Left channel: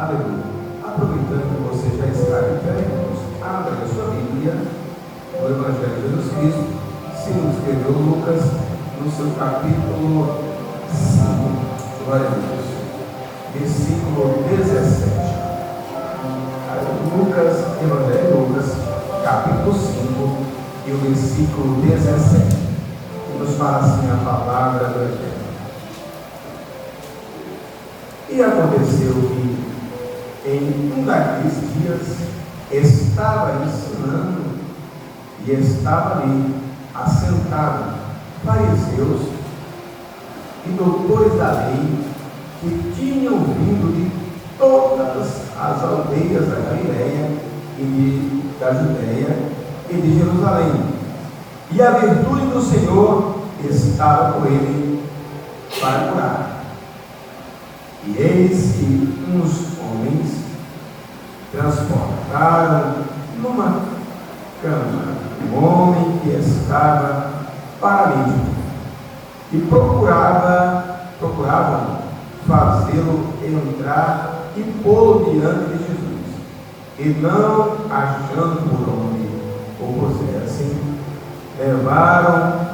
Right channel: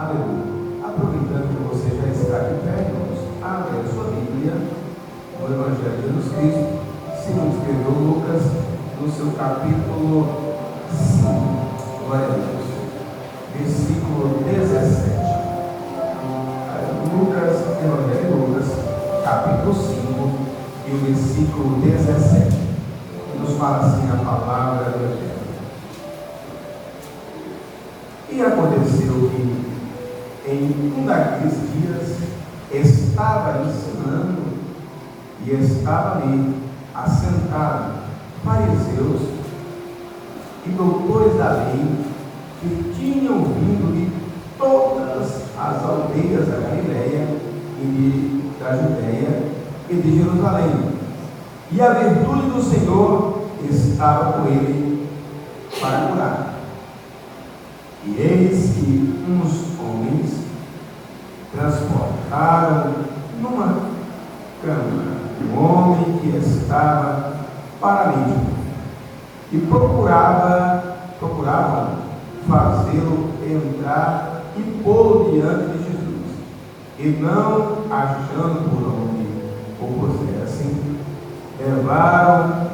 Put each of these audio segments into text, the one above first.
Aleluia. Aproveitando que você já está de pé, irmãos, abra a sua Bíblia no Evangelho de Jesus Cristo, segundo escreveu Lucas, no seu capítulo 5, glória a Deus, versículo 17. Lucas, Evangelho de Lucas, capítulo 5, e o versículo 17, que nos fala assim a palavra do Evangelho. E aconteceu que em um daqueles dias estava ensinando e estava ali assentado fariseus e doutores da lei que tinham vindo de todas as aldeias da Galiléia e da Judéia e de Jerusalém, e a virtude do Senhor estava com ele para curar. E eis que uns homens transportaram numa cama um homem que estava paralítico e procuravam fazê-lo entrar e pô-lo diante de Jesus, e não achando por onde o puser, assim, levaram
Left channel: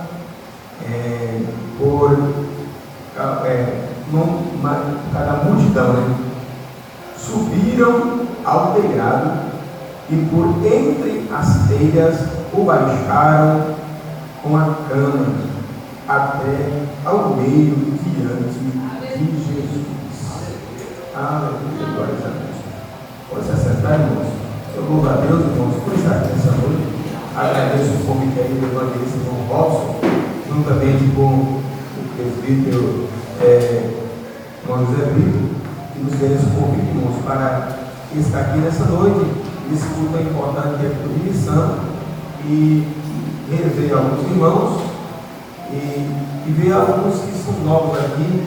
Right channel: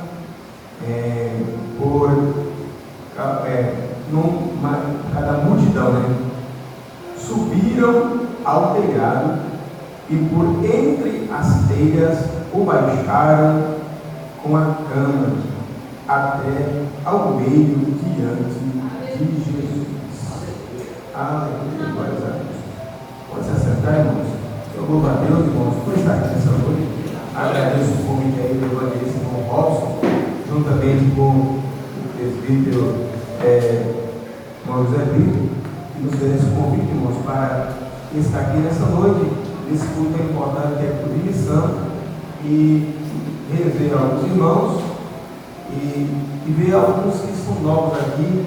cada multidão, né? Subiram ao telhado e por entre as telhas o baixaram com a cama até ao meio diante de Jesus. Aleluia, glória a Deus. Pode se acertar, irmãos. Eu louvo a Deus, irmãos, por estar aqui nessa noite. Agradeço o convite aí do evangelista João Robson, juntamente com o presbítero José Brito, que nos deu esse convite, irmãos, para estar aqui nessa noite. Esse culto é importante, que é por missão, e rever alguns irmãos e ver alguns que são novos aqui,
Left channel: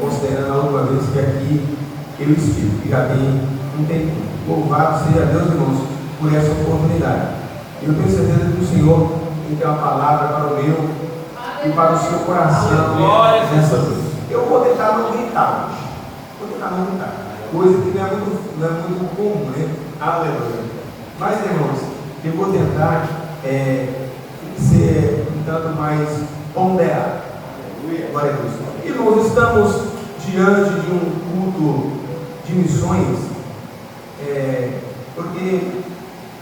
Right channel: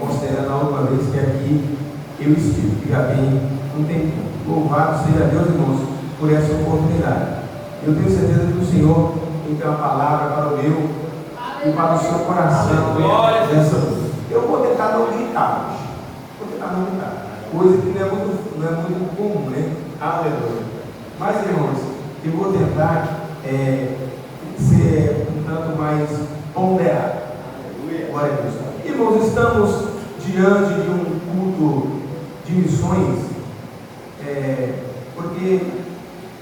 considerando a última vez que aqui eu estive, que já tem um tempo. Louvado seja Deus, irmãos, por essa oportunidade. Eu tenho certeza que o Senhor tem uma palavra para o meu e para o seu coração nessa noite. Eu vou tentar não gritar hoje. Coisa que não é muito comum, né? Aleluia. Mas, irmãos, eu vou tentar ser um tanto mais ponderado. Glória a Deus. Irmãos, estamos diante de um culto de missões, porque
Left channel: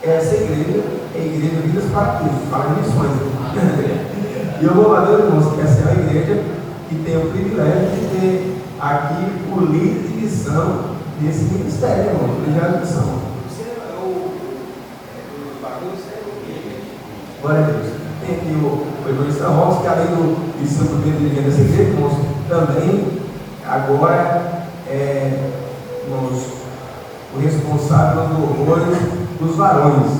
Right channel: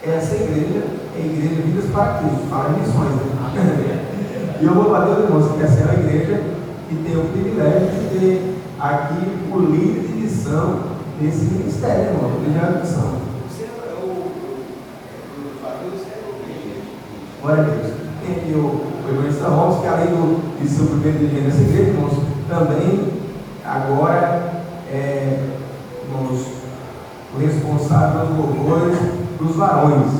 essa igreja é a igreja Vidas para Cristo, fala em missões. E eu vou fazer, irmãos, que essa é a igreja que tem o privilégio de ter aqui o líder de missão nesse ministério, irmão, o líder de missão. Glória a Deus. Tem aqui o evangelista Robson, que além de ser o primeiro dirigente dessa igreja, irmãos, também agora irmãos, o responsável dos louvores dos varões.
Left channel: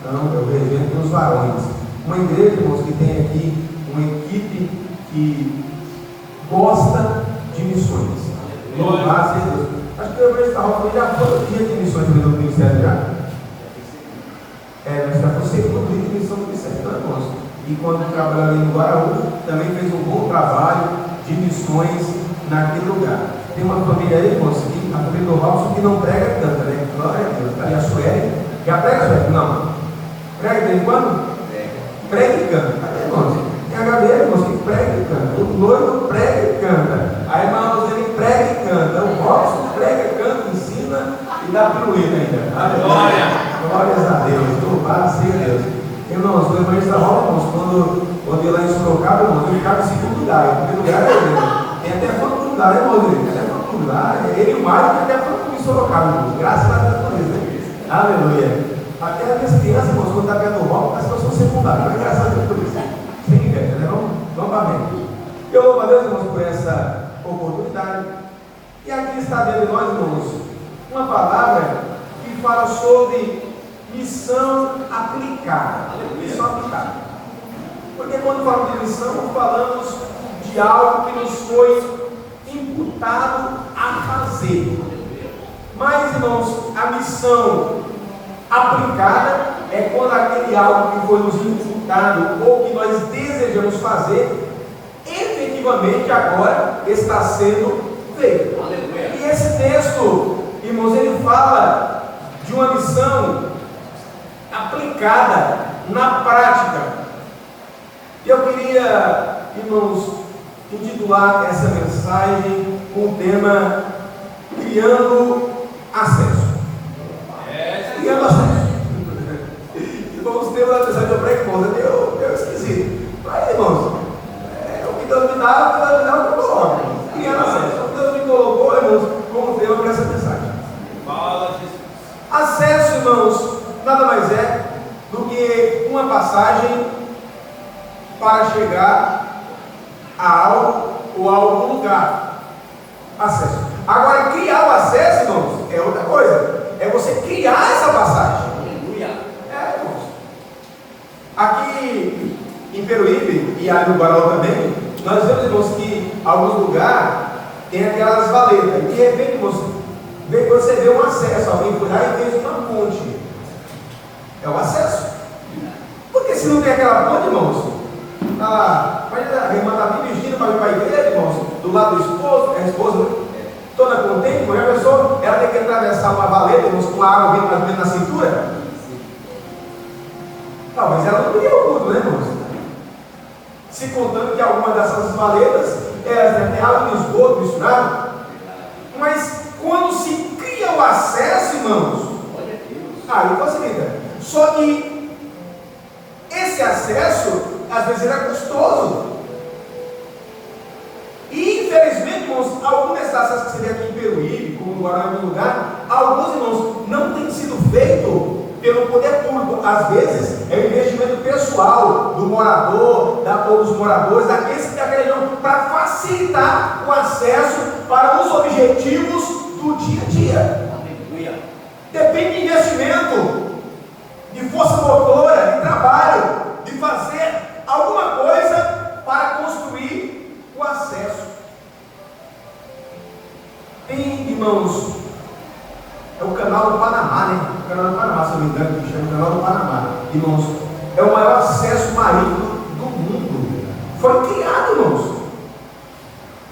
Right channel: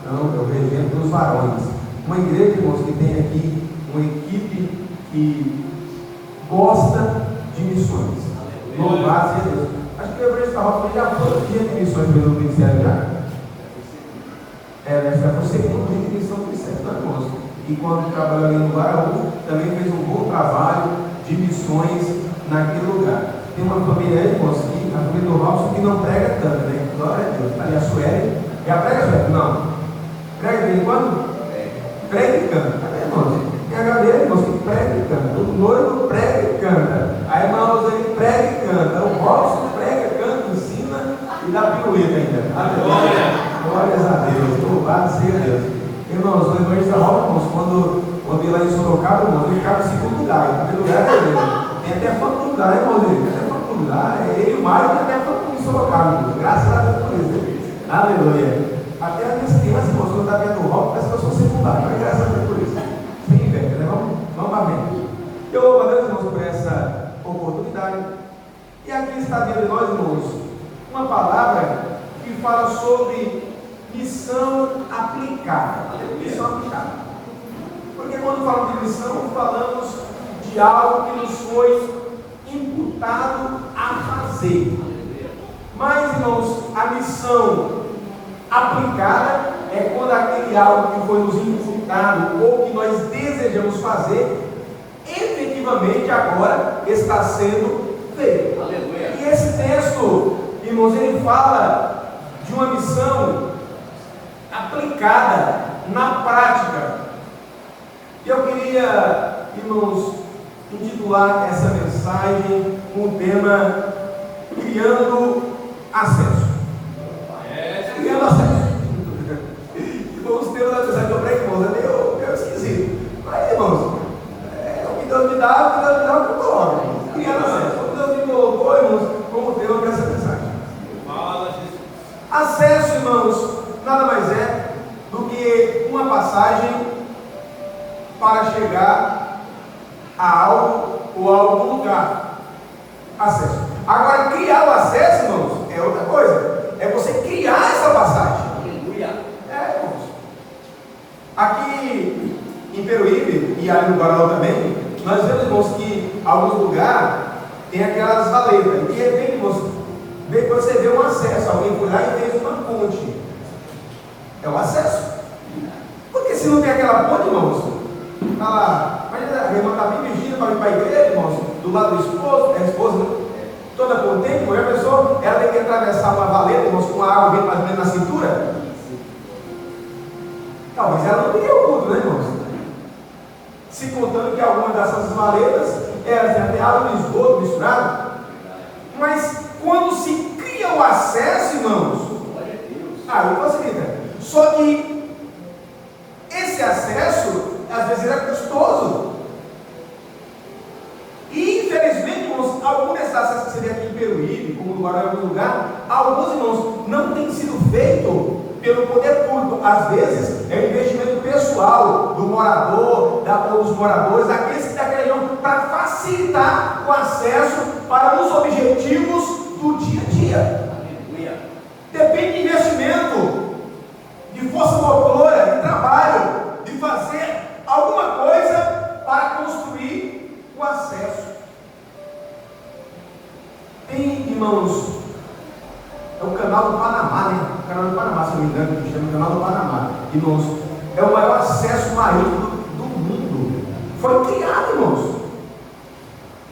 Então, é o regente dos varões. Uma igreja, irmãos, que tem aqui uma equipe que gosta de missões. Louvado seja Deus. Acho que o evangelista Robson já foi dia de missões pelo ministério já. Mas vai para o segundo dia de missão do ministério, então, irmãos. E quando trabalhou ali no Guaraú, também fez um bom trabalho de missões naquele lugar. Tem uma família aí, irmãos, a família do Robson, que não prega tanto, né? Glória a Deus. Está ali a Sueli. Já prega, Sueli? Não. Prega de vez em quando? Prega e canta. Irmãos, tem a Gabriela, irmãos, que prega e canta. O noivo prega e canta. A irmã Roseli prega e canta. O Robson prega, canta, ensina e dá pirueta ainda. Aleluia. Glórias a Deus. Louvado seja Deus. Irmãos, o evangelista Robson, quando ele lá em Sorocaba, irmãos, ele ficava em segundo lugar. Em primeiro lugar é ele. Tem até fã do lugar, né, irmãos? Tem até fã do lugar. Ele e o Mário tem até fã em Sorocaba, irmãos. Graças a Deus por isso. Aleluia. Até as minhas crianças, irmãos, quando está vendo o Robson, parece que eu sou secundário. Mas graças a Deus por isso. Sem inveja, né? Vamos amém. Eu louvo a Deus, irmãos, por essa oportunidade. E aqui está diante de nós, irmãos, uma palavra que fala sobre missão aplicada. Missão aplicada. Porque quando falamos de missão, falamos de algo que nos foi imputado a fazer. Mas, irmãos, a missão aplicada é quando aquele algo que foi nos imputado ou que nós desejamos fazer, efetivamente agora está sendo feito. E esse texto, irmãos, fala de uma missão aplicada na prática. E eu queria, irmãos, intitular essa mensagem com o tema Criando Acesso. Criando Acesso. Vamos ter uma mensagem que eu prego, eu esqueci. Mas, irmãos, o que Deus me dá, o que me coloca. Criando Acesso. O que Deus me colocou, irmãos, como tema para essa mensagem. Acesso, irmãos, nada mais é do que uma passagem para chegar a algo ou a algum lugar. Acesso. Agora, criar o acesso, irmãos, é outra coisa. É você criar essa passagem. Irmãos. Aqui em Peruíbe e ali no Guarulhos também, nós vemos, irmãos, que alguns lugares tem aquelas valetas. E de repente, irmãos, você vê um acesso. Alguém foi lá e fez uma ponte. É o acesso. Porque se não tem aquela ponte, irmãos, mas a irmã está bem dirigindo para vir para a igreja, irmãos, do lado do esposo, a esposa toda contente, mulher, pessoa, ela tem que atravessar uma valeta, irmãos, com a água bem mais ou menos na cintura. Talvez ela não ia o culto, né, irmãos? Se contando que algumas dessas valetas, elas têm água e esgoto misturado. Mas quando se cria o acesso, irmãos, aí facilita. Só que esse acesso, às vezes, ele é custoso. E, infelizmente, irmãos, alguns desses acessos que você vê aqui em Peruíbe, como no Guará, em algum lugar, alguns, irmãos, não tem sido feito pelo poder público. Às vezes, é um investimento pessoal do morador, ou dos moradores, daqueles que estão querendo, para facilitar o acesso para os objetivos do dia a dia. Depende de investimento, de força motora, de trabalho, de fazer alguma coisa para construir o acesso. Tem, irmãos, é o canal do Panamá, né? O canal do Panamá, se não me engano, que chama o canal do Panamá. Irmãos, é o maior acesso marítimo do mundo. Foi criado, irmãos,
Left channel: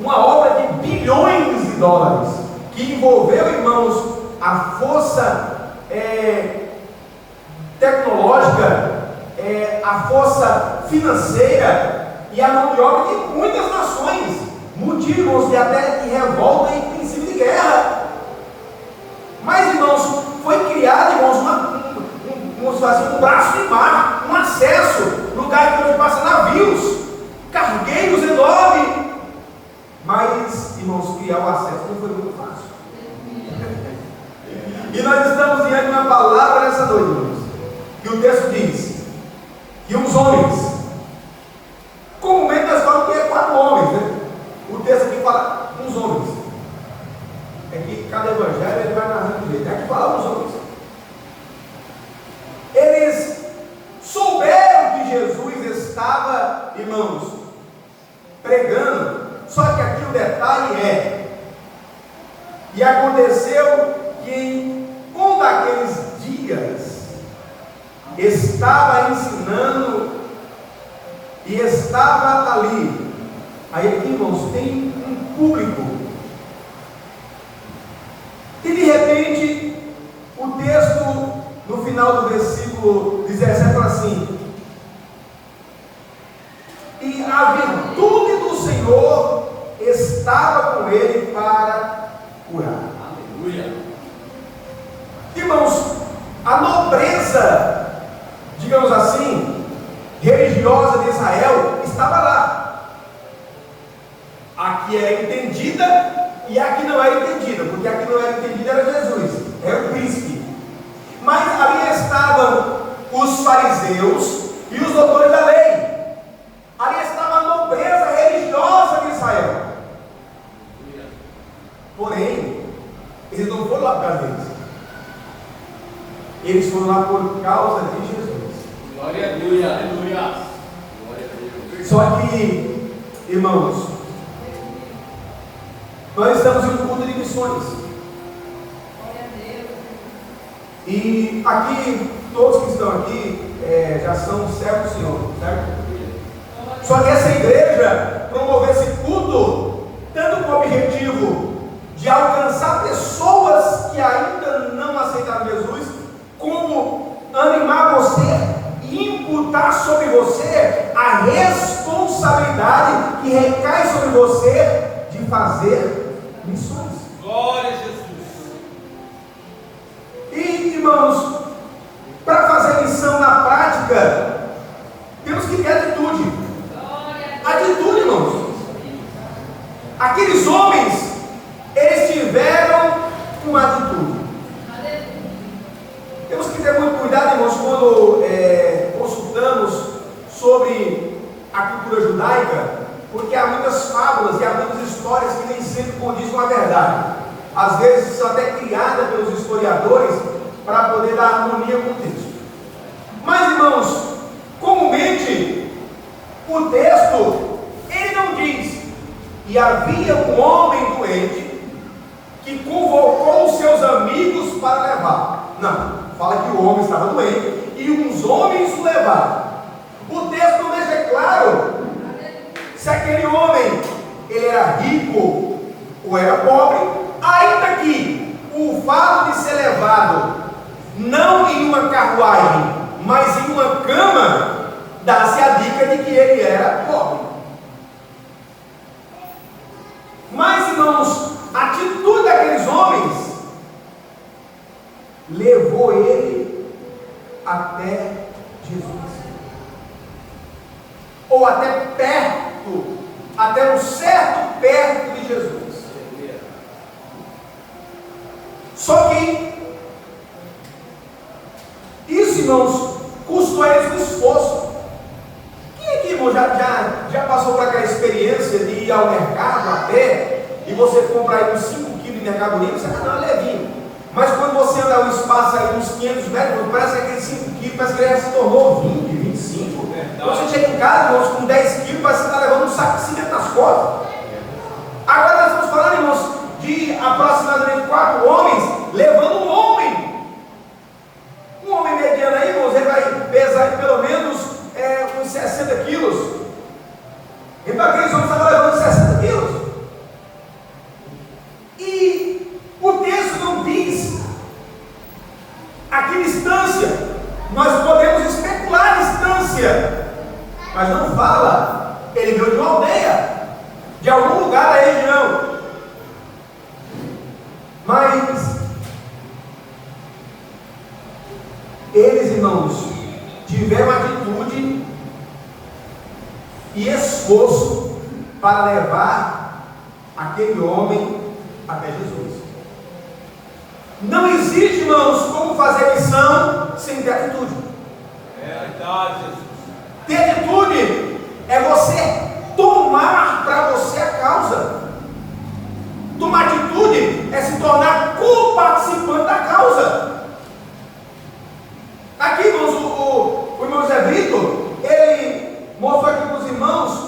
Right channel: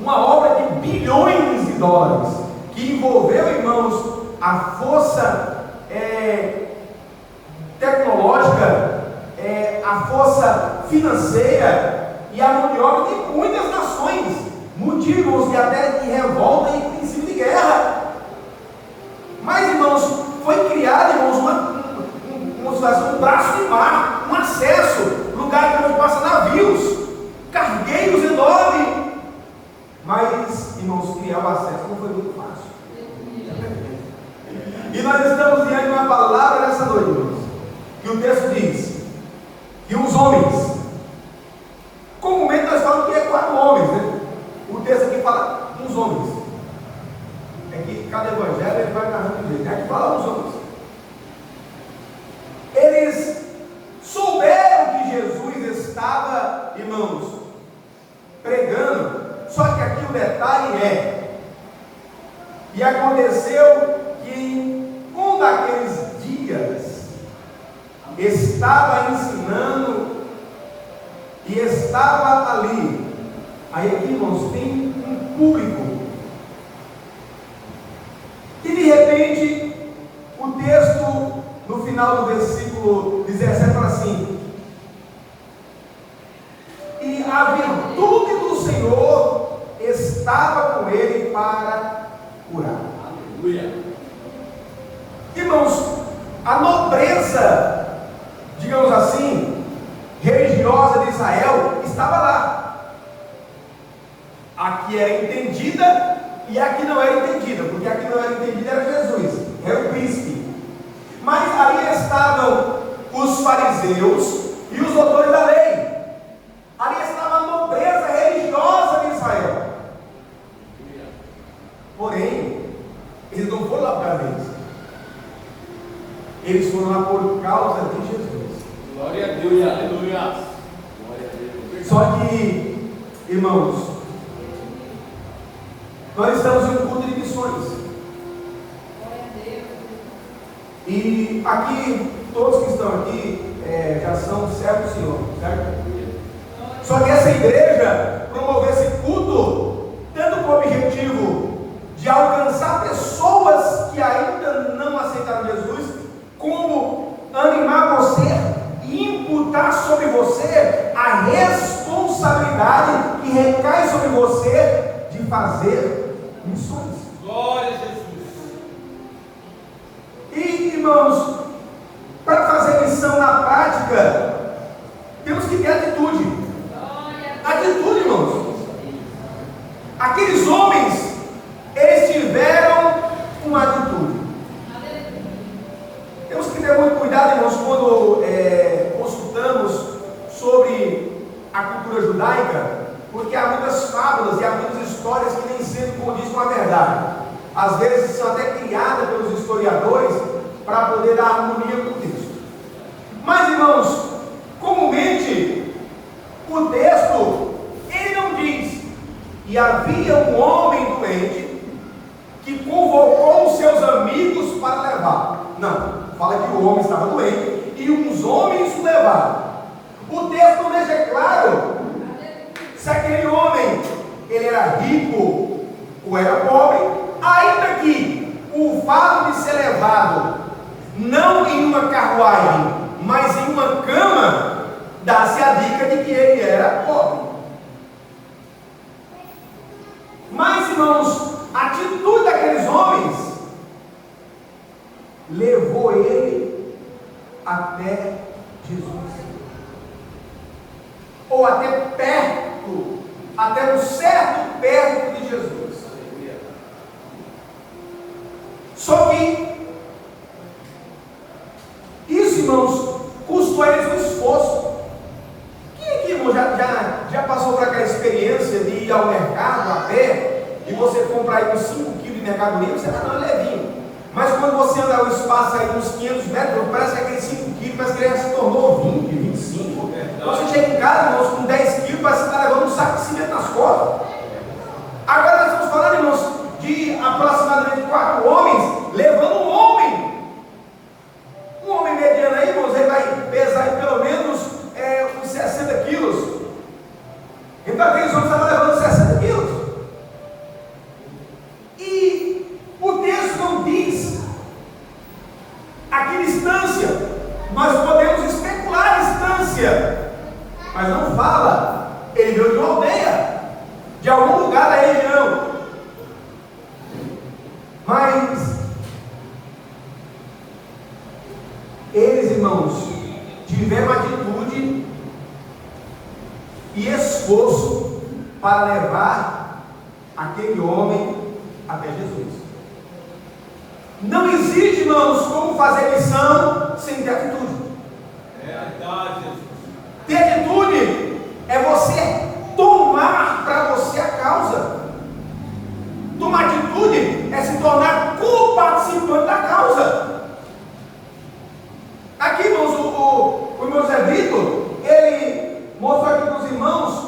uma obra de bilhões de dólares, que envolveu, irmãos, a força tecnológica, a força financeira e a mão de obra de muitas nações, motivos de até de revolta e princípio de guerra. Mas, irmãos, foi criado, irmãos, um braço de mar, um acesso, lugar onde passa navios, cargueiros enormes. Mas, irmãos, criar o acesso não foi muito fácil. E nós estamos diante de uma palavra nessa noite, irmãos, que o texto diz que os homens, comumente nós falamos que é 4 homens, né? O texto aqui fala uns homens. É que cada evangelho ele vai narrando de jeito. É que fala uns homens. Eles souberam que Jesus estava, irmãos, pregando. Só que aqui o detalhe e aconteceu que em um daqueles dias estava ensinando e estava ali. Aí aqui, irmãos, tem um público. E de repente, o texto no final do versículo 17 fala assim: e a virtude do Senhor estava com ele para curar. Aleluia. Irmãos, a nobreza, digamos assim, religiosa de Israel estava lá. Aqui era entendida e aqui não era entendida, porque aqui não era entendida era Jesus, era o príncipe. Mas ali estavam os fariseus e os doutores da lei. Ali estava a nobreza religiosa de Israel. Porém, eles não foram lá por causa deles. Eles foram lá por causa de Jesus. Glória a Deus, aleluia. Só que, irmãos, nós estamos em um culto de missões. E aqui, todos que estão aqui já são servos do Senhor, certo? Só que essa igreja promoveu esse culto tanto com o objetivo de alcançar pessoas que ainda fazer missões. Glória a Jesus. E, irmãos, para fazer missão na prática, temos que ter atitude. Atitude, irmãos. Aqueles homens, eles tiveram uma atitude. Temos que ter muito cuidado, irmãos, quando consultamos sobre a cultura judaica, porque há muitas fábulas e há muitas histórias que nem sempre condizem com a verdade. Às vezes são até criadas pelos historiadores para poder dar harmonia com o texto. Mas, irmãos, comumente o texto ele não diz: e havia um homem doente que convocou os seus amigos para levar. Não, fala que o homem estava doente e uns homens o levaram. O texto não deixa claro se aquele homem ele era rico ou era pobre, ainda que o fato de ser levado não em uma carruagem, mas em uma cama, dá-se a dica de que ele era pobre. Mas, irmãos, a atitude daqueles homens levou ele até Jesus, ou até perto, até um certo perto de Jesus. Só que isso, irmãos, custou a eles um esforço. Quem aqui, irmão, já passou por aquela experiência de ir ao mercado a pé e você comprar aí uns 5 quilos de mercadoria, você está andando levinho. Mas quando você anda um espaço aí uns 500 metros, parece que aqueles 5 quilos, parece que ele já se tornou 20, 25. Quando você chega em casa, irmãos, com 10 quilos, parece que você está levando um saco de cimento nas costas. Agora nós estamos falando, irmãos, de aproximadamente 4 homens levando um homem. Um homem mediano aí, irmãos, ele vai pesar aí pelo menos uns 60 quilos. Então aqueles homens estavam levando 60 quilos. E o texto não diz a que distância. Nós podemos especular a distância, mas não fala. Ele veio de uma aldeia, de algum lugar da região. Mas eles, irmãos, tiveram atitude e esforço para levar aquele homem até Jesus. Não existe, irmãos, como fazer missão sem ter atitude. É verdade, Jesus. Ter atitude é você tomar para você a causa. Tomar atitude é se tornar co-participante da causa. Aqui, irmãos, o irmão José Vitor, ele mostrou aqui para os irmãos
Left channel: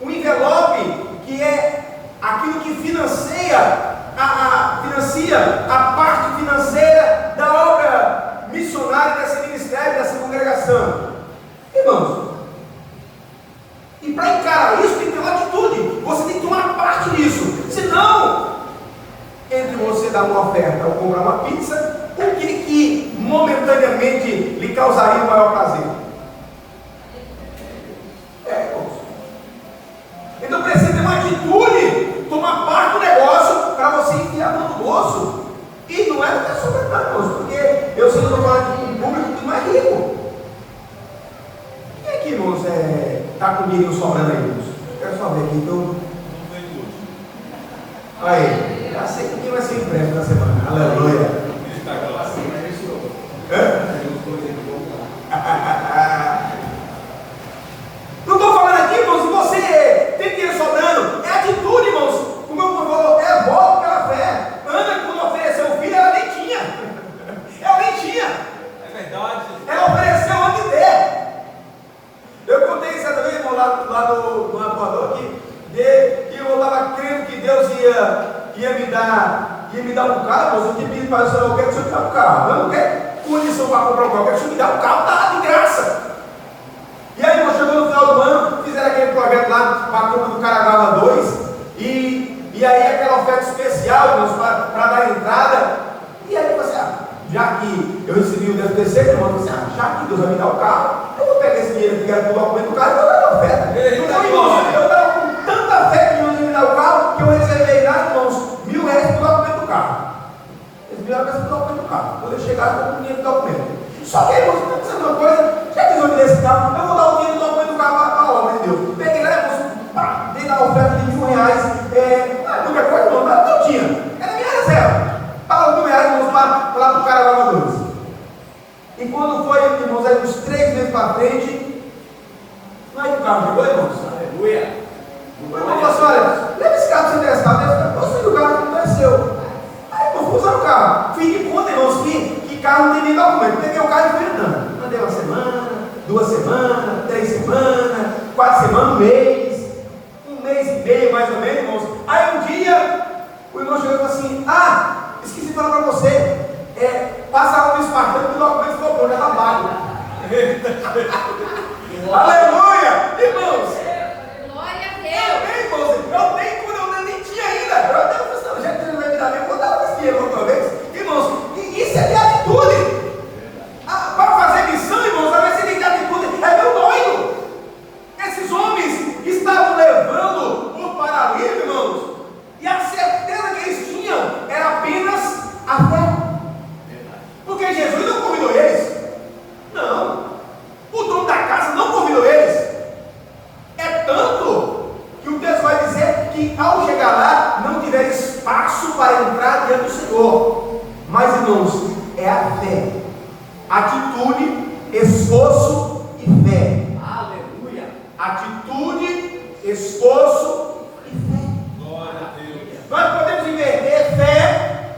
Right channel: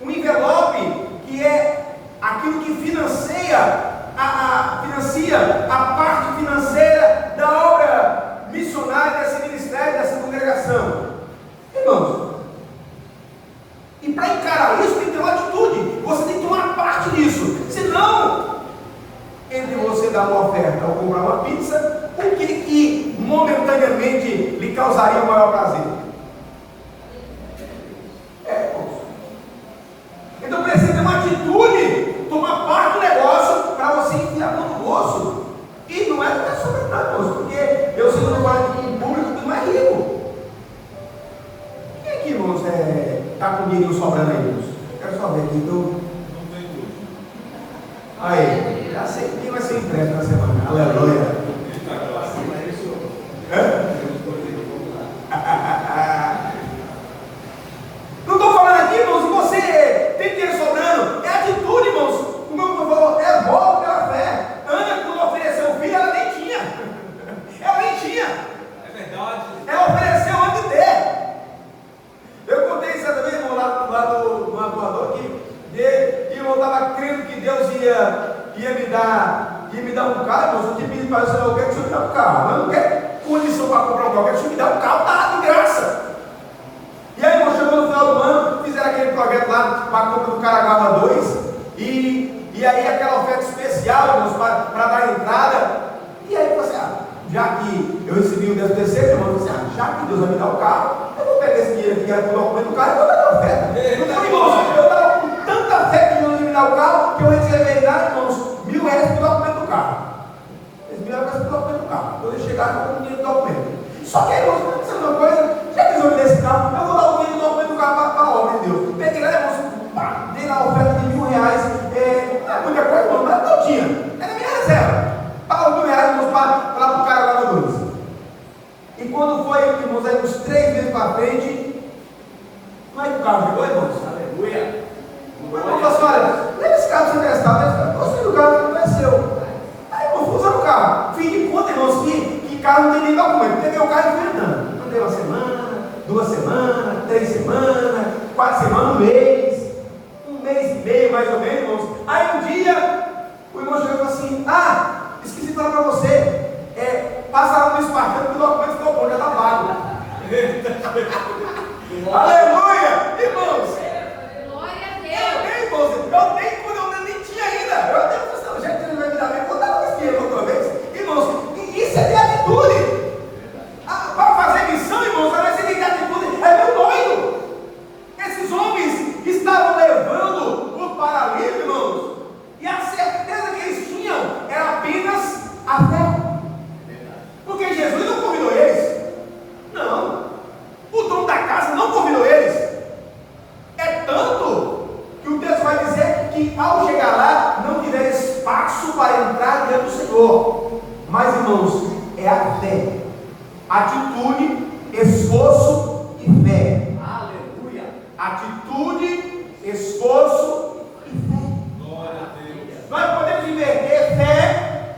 um envelope que é aquilo que financia a parte financeira da obra missionária desse ministério, dessa congregação. Irmãos, e para encarar isso tem que ter uma atitude. Você tem que tomar parte disso. Senão, entre você dar uma oferta ou comprar uma pizza, o que momentaneamente lhe causaria o maior prazer? Então precisa ter uma atitude, tomar parte do negócio para você enfiar no bolso. E não é até sobrenatural, porque eu sei que eu estou falando aqui em público que não é rico. Quem é que, irmãos, está com dinheiro sobrando aí, irmãos? Quero só ver aqui, então. Aí, já sei que vai ser empréstimo na semana. Aleluia. Não estou falando aqui, irmãos, se você tem dinheiro sobrando, é atitude, irmãos. O meu irmão falou, é volta pela fé. Ana, quando ofereceu o filho, ela nem tinha. Ela nem tinha. É verdade. Ela ofereceu antes de ter. Eu contei isso também, irmão, lá no atuador aqui, e eu estava crendo que Deus ia me dar um carro. Eu tinha pedido para o Senhor, eu quero que o Senhor me dê um carro. Eu não quero condição para comprar um carro, eu quero que o Senhor me dê um carro, tá de graça. E aí, irmão, chegou no final do ano, fizeram aquele projeto lá para a compra do Caraguava 2, e aí aquela oferta especial, irmãos, para dar entrada. E aí você, já que eu recebi o 13º, irmão, você, já que Deus vai me dar o carro, eu vou pegar esse dinheiro aqui, que era para o documento do carro, e vou dar a oferta. Então, irmãos, eu estava com tanta fé que Deus ia me dar o carro, que eu reservei lá primeira vez que eu documento no carro. Quando eu chegar, eu não tenho documento. Só que aí, irmãos, sabe uma coisa? Já que eu desse carro, eu vou dar o dinheiro do documento do carro para a obra de Deus. Peguei lá, irmãos, dei lá uma oferta de R$1.000. Não é muita coisa, irmão, não é que eu tinha. Era minha reserva. Pagou R$1.000, irmãos, para lá para o cara Guarda-Dores. E quando foi, irmãos, aí uns 3 meses para frente, não é que o carro chegou, irmãos? Aleluia. O irmão falou assim: olha, leva esse carro sem interessar, eu sei que o carro não é seu. Aí eu fui usar o carro. Fiz de conta, irmãos, que carro não tem nem documento. Peguei o carro enfrentando. Andei uma semana, 2 semanas, 3 semanas, 4 semanas, um mês e meio mais ou menos, irmãos. Aí um dia, o irmão chegou e falou assim: esqueci de falar para você. Passa lá no espartano que o documento ficou pronto, é lavado. Aleluia! Irmãos! Glória a Deus! Eu nem tinha ainda. Eu até pensando, já que ele vai me dar bem, vou dar uma esquerda outra vez. Irmãos, isso é de atitude. Para fazer missão, irmãos, a nossa de atitude é meu doido. Esses homens estavam levando o paralítico, irmãos, e a certeza que eles tinham era apenas a fé. Porque Jesus não convidou eles. Não. O dono da casa não convidou eles. É tanto que o texto vai dizer que ao chegar lá não tiver espaço para entrar diante do Senhor. Mas, irmãos, é a fé, atitude, esforço e fé. Aleluia. Atitude, esforço e fé. Glória a Deus. Nós podemos inverter fé,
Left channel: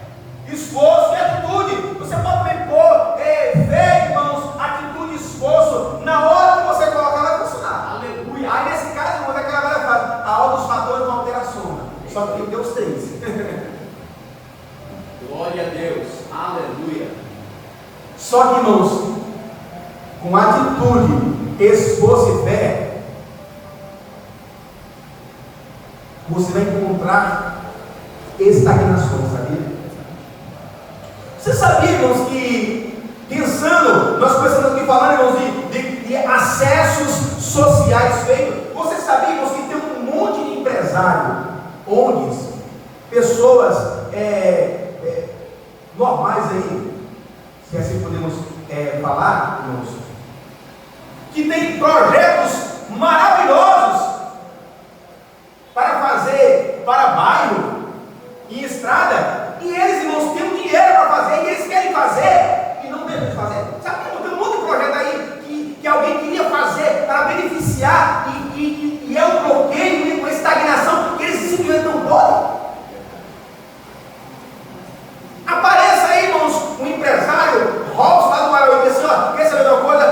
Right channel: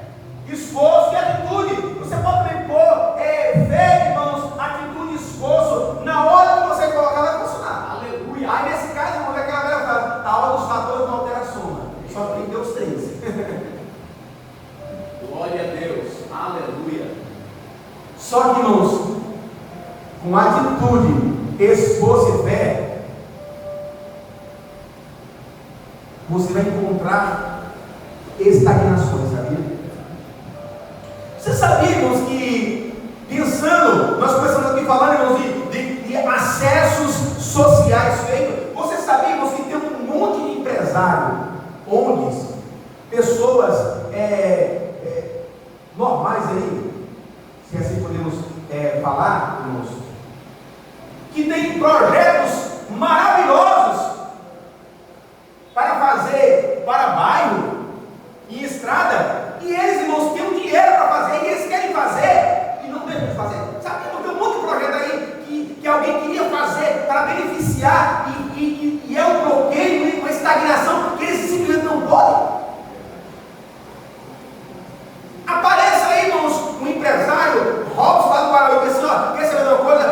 esforço e atitude. Você pode pôr fé, irmãos, atitude e esforço. Na hora que você colocar, vai funcionar. Aleluia. Aí nesse caso, irmão, é aquela velha frase: a hora dos fatores não altera a soma. Só que tem que ter os 3. Glória a Deus. Aleluia. Só que, irmãos, com atitude, esforço e fé, você vai encontrar estagnações, sabia? Você sabia, irmãos, que pensando, nós começamos aqui falando, irmãos, de acessos sociais feitos. Você sabia, irmãos, que tem um monte de empresário, ONGs, pessoas normais aí, se assim podemos falar, irmãos, que tem projetos maravilhosos para fazer para bairro e estrada, e eles, irmãos, têm um dinheiro para fazer, e eles querem fazer e não devem fazer. Sabe que tem um monte de projeto aí que alguém queria fazer para beneficiar e é um bloqueio, uma estagnação que eles simplesmente não podem. Apareça aí, irmãos, um empresário, Robson lá do Guarauí, e diz assim: ó, quer saber uma coisa?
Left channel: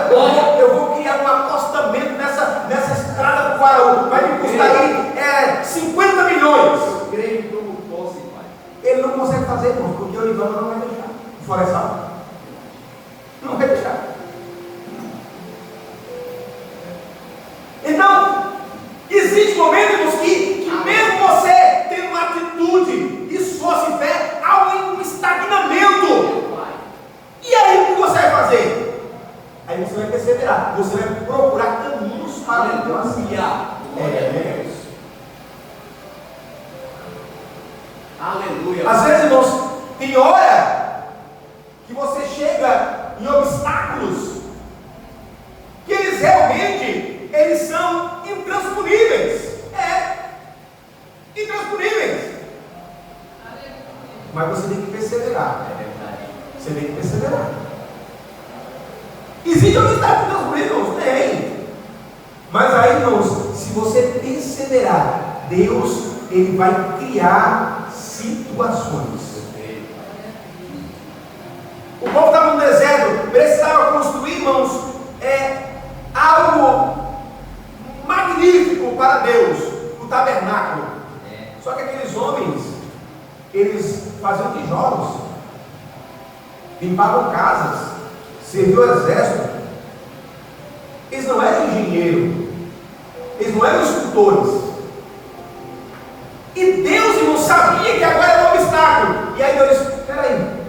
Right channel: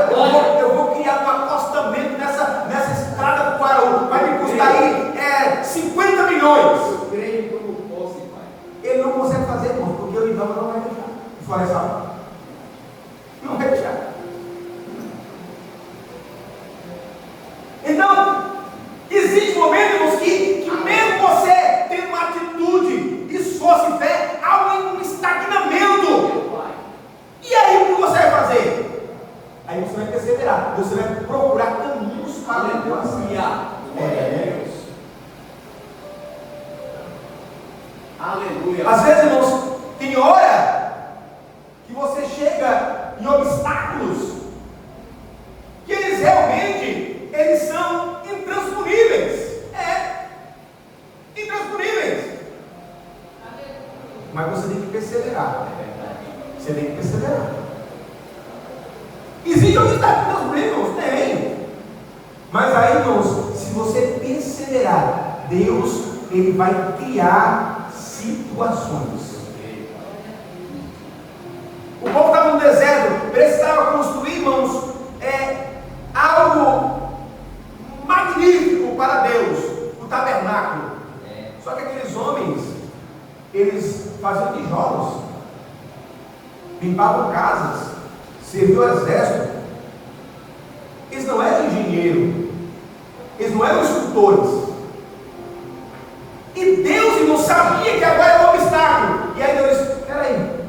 Eu vou criar um acostamento nessa estrada do Guarauí, vai me custar aí 50 milhões. Eu creio que eu posso, Pai. Ele não consegue fazer, irmãos, porque o Ivano não vai deixar. O florestal não vai deixar. Então, existe um momento, irmãos, que mesmo você tendo uma atitude, esforço e fé, há um estagnamento. E aí o que você vai fazer? Aí você vai perseverar, você vai procurar caminhos para Aleluia. Glória a Deus. Aleluia. Às vezes, irmãos, tem hora que você chega em obstáculos que eles realmente são intransponíveis. Intransponíveis. Mas você tem que perseverar. Você tem que perseverar. Existe obstáculos intransponíveis? Tem. Mas aí, irmãos, se você perseverar, Deus, Ele vai criar situações. O povo estava no deserto, precisava construir, irmãos, algo magnífico para Deus, o tabernáculo. Só que aqueles homens, eles faziam tijolos, limpavam casas, serviam o exército. Eles não eram engenheiros, eles não eram escultores. E Deus, irmão, sabia que agora era um obstáculo. E aí Deus disse: peraí,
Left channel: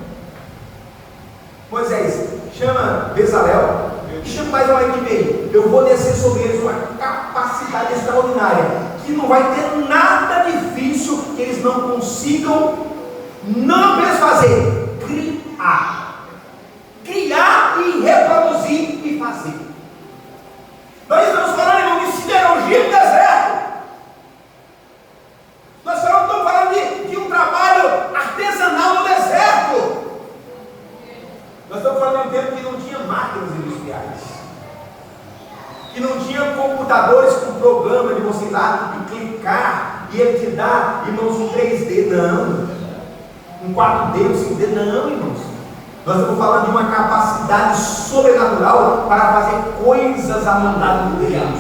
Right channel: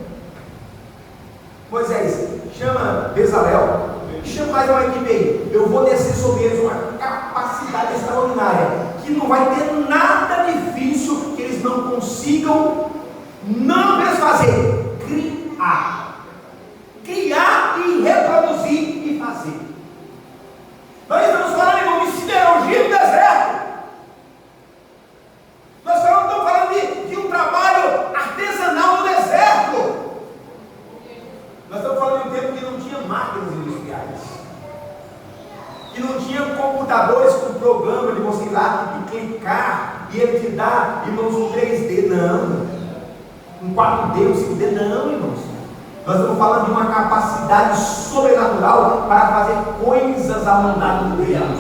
Moisés, chama Bezalel e chama mais uma equipe aí. Eu vou descer sobre eles uma capacidade extraordinária, que não vai ter nada difícil que eles não consigam não apenas fazer, computadores com programa de você ir lá e clicar, e ele te dá, irmãos, um 3D, não, um 4D, um 5D, não, irmãos. Nós estamos falando de uma capacidade sobrenatural para fazer coisas à mandada de Deus.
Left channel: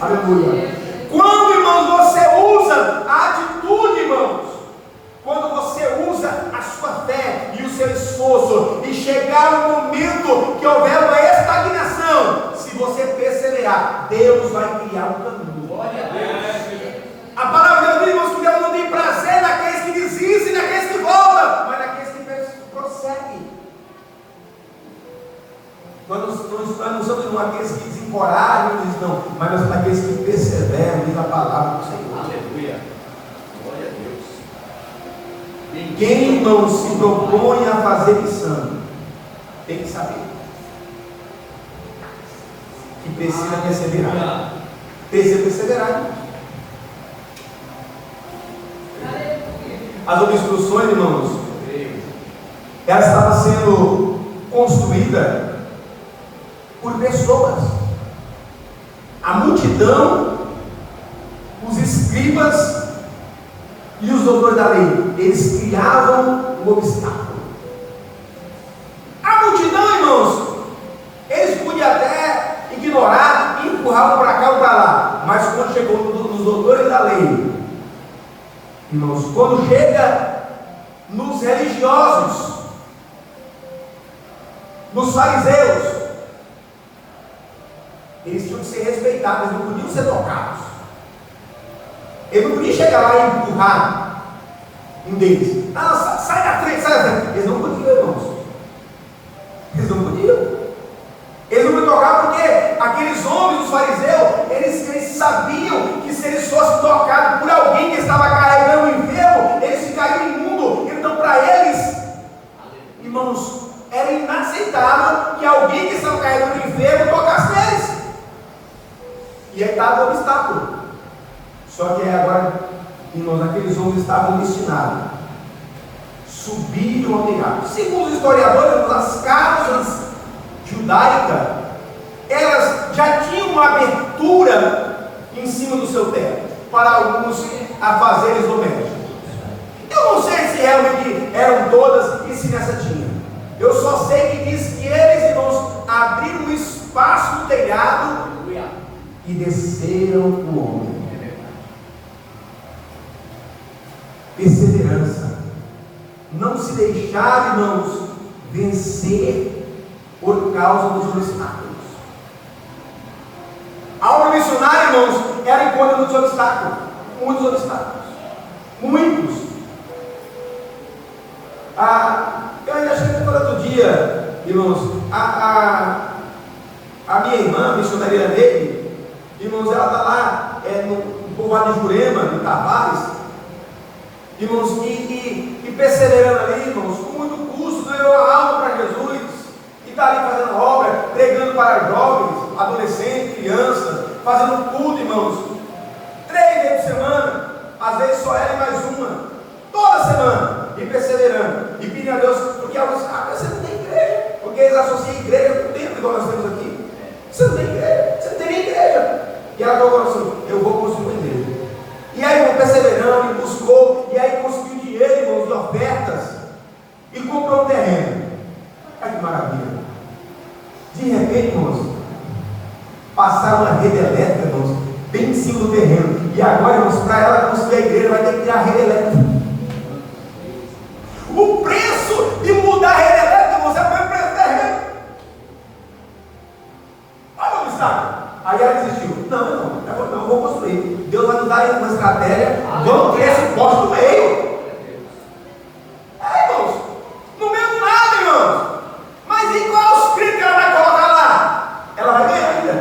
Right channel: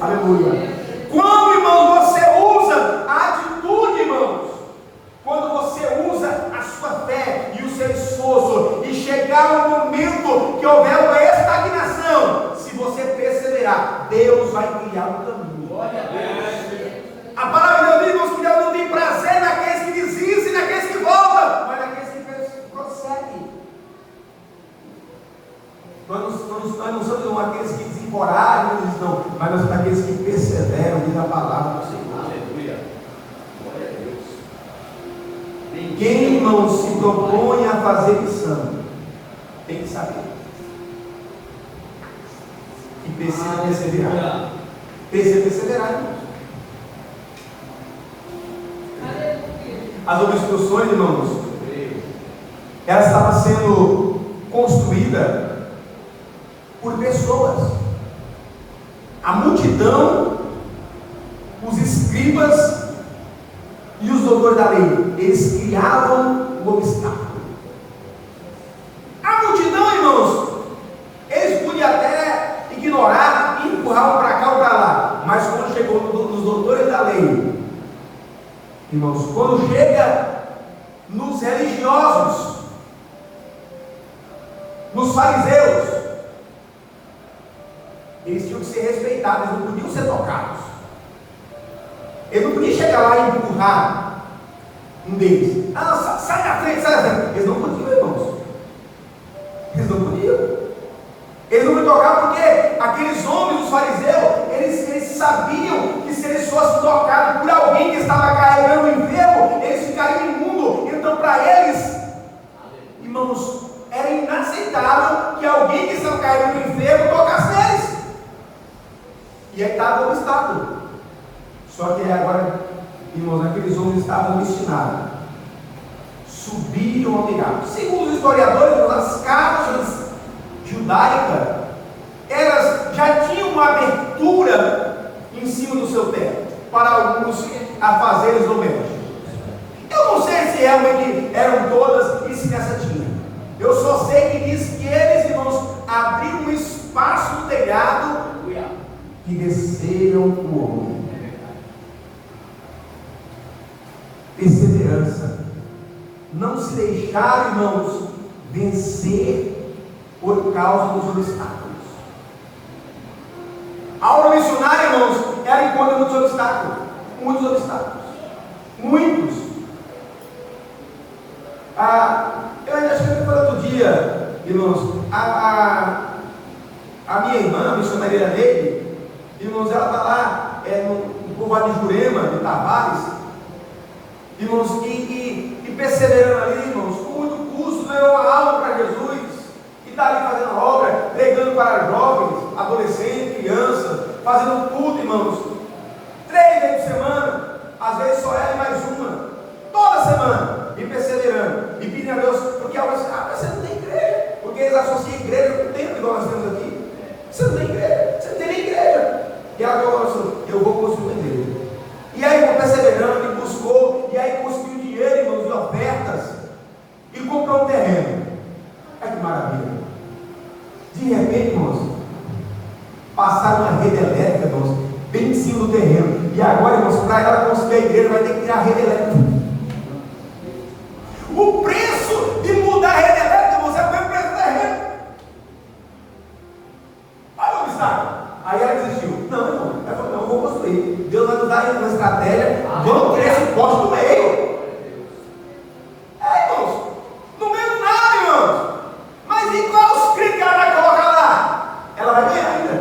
Aleluia. Quando, irmãos, você usa a atitude, irmãos, quando você usa a sua fé e o seu esforço, e chegar um momento que houver uma estagnação, se você perseverar, Deus vai criar um caminho. Glória a Deus. A palavra de Deus diz que Deus não tem prazer naqueles que desistem, naqueles que voltam, mas naqueles que prosseguem. Nós não somos aqueles que desencorajam, não, mas nós somos aqueles que perseveram, diz a palavra do Senhor. Aleluia. Glória a Deus. Quem, irmão, se propõe a fazer missão, tem que saber que precisa perseverar. Precisa perseverar, irmãos. As obstruções, irmãos, elas estavam sendo construídas por pessoas. A multidão, os escribas e os doutores da lei, eles criavam um obstáculo. A multidão, irmãos, eles podiam até ignorar e empurravam para cá ou para lá, mas quando chegou nos doutores da lei, irmãos, quando chega nos religiosos, nos fariseus, eles tinham que ser respeitados, não podiam ser tocados. Eles não podiam chegar lá e empurrar um deles. Ah, sai da frente, sai da frente. Eles não podiam, irmãos. Eles não podiam. Eles não podiam tocar porque aqueles homens, os fariseus, eles sabiam que se eles fossem tocados por alguém que estava carregando o enfermo, eles ficariam imundos. Então, para eles, irmãos, era inaceitável que alguém que estava carregando o enfermo tocasse neles. E aí estava o obstáculo. Só que agora, irmãos, aqueles homens estavam destinados a subir ao telhado. Segundo os historiadores, as casas judaicas, elas já tinham uma abertura em cima do seu teto para alguns afazeres domésticos. Eu não sei se realmente eram todas e se essa tinha. Eu só sei que diz que eles, irmãos, abriram um espaço no telhado e desceram o homem. Perseverança. Não se deixar, irmãos, vencer por causa dos obstáculos. A obra missionária, irmãos, ela encontra muitos obstáculos. Muitos obstáculos. Muitos. Eu ainda cheguei no outro dia, irmãos, a minha irmã, missionária dele, irmãos, ela está lá no povoado de Jurema, de Tavares, irmãos, e perseverando ali, irmãos, com muito custo, ganhou a alma para Jesus, e está ali fazendo obra, pregando para jovens, adolescentes, crianças, fazendo tudo, irmãos, 3 vezes por semana, às vezes só ela e mais uma, toda semana, e perseverando, e pedindo a Deus, porque alguns mas você não tem igreja, porque eles associam igreja com o tempo, igual nós temos aqui. Você não tem igreja, você não tem nem igreja. E ela falou assim: eu vou construir uma igreja. E aí, irmão, perseverando, e buscou, e aí conseguiu dinheiro, irmãos, de ofertas, e comprou um terreno. Olha que maravilha. De repente, irmãos, passaram uma rede elétrica, irmãos, bem em cima do terreno. E agora, irmãos, para ela construir a igreja, vai ter que tirar a rede elétrica. O preço de mudar a rede elétrica, você põe o preço do terreno. Olha o obstáculo. Aí ela desistiu. Não, eu vou construir. Deus vai nos dar uma estratégia. Vamos ter esse poste no meio. Irmãos, no meio de nada, irmãos. Mas e qual os críticos que ela vai colocar lá? Ela vai ganhar ainda.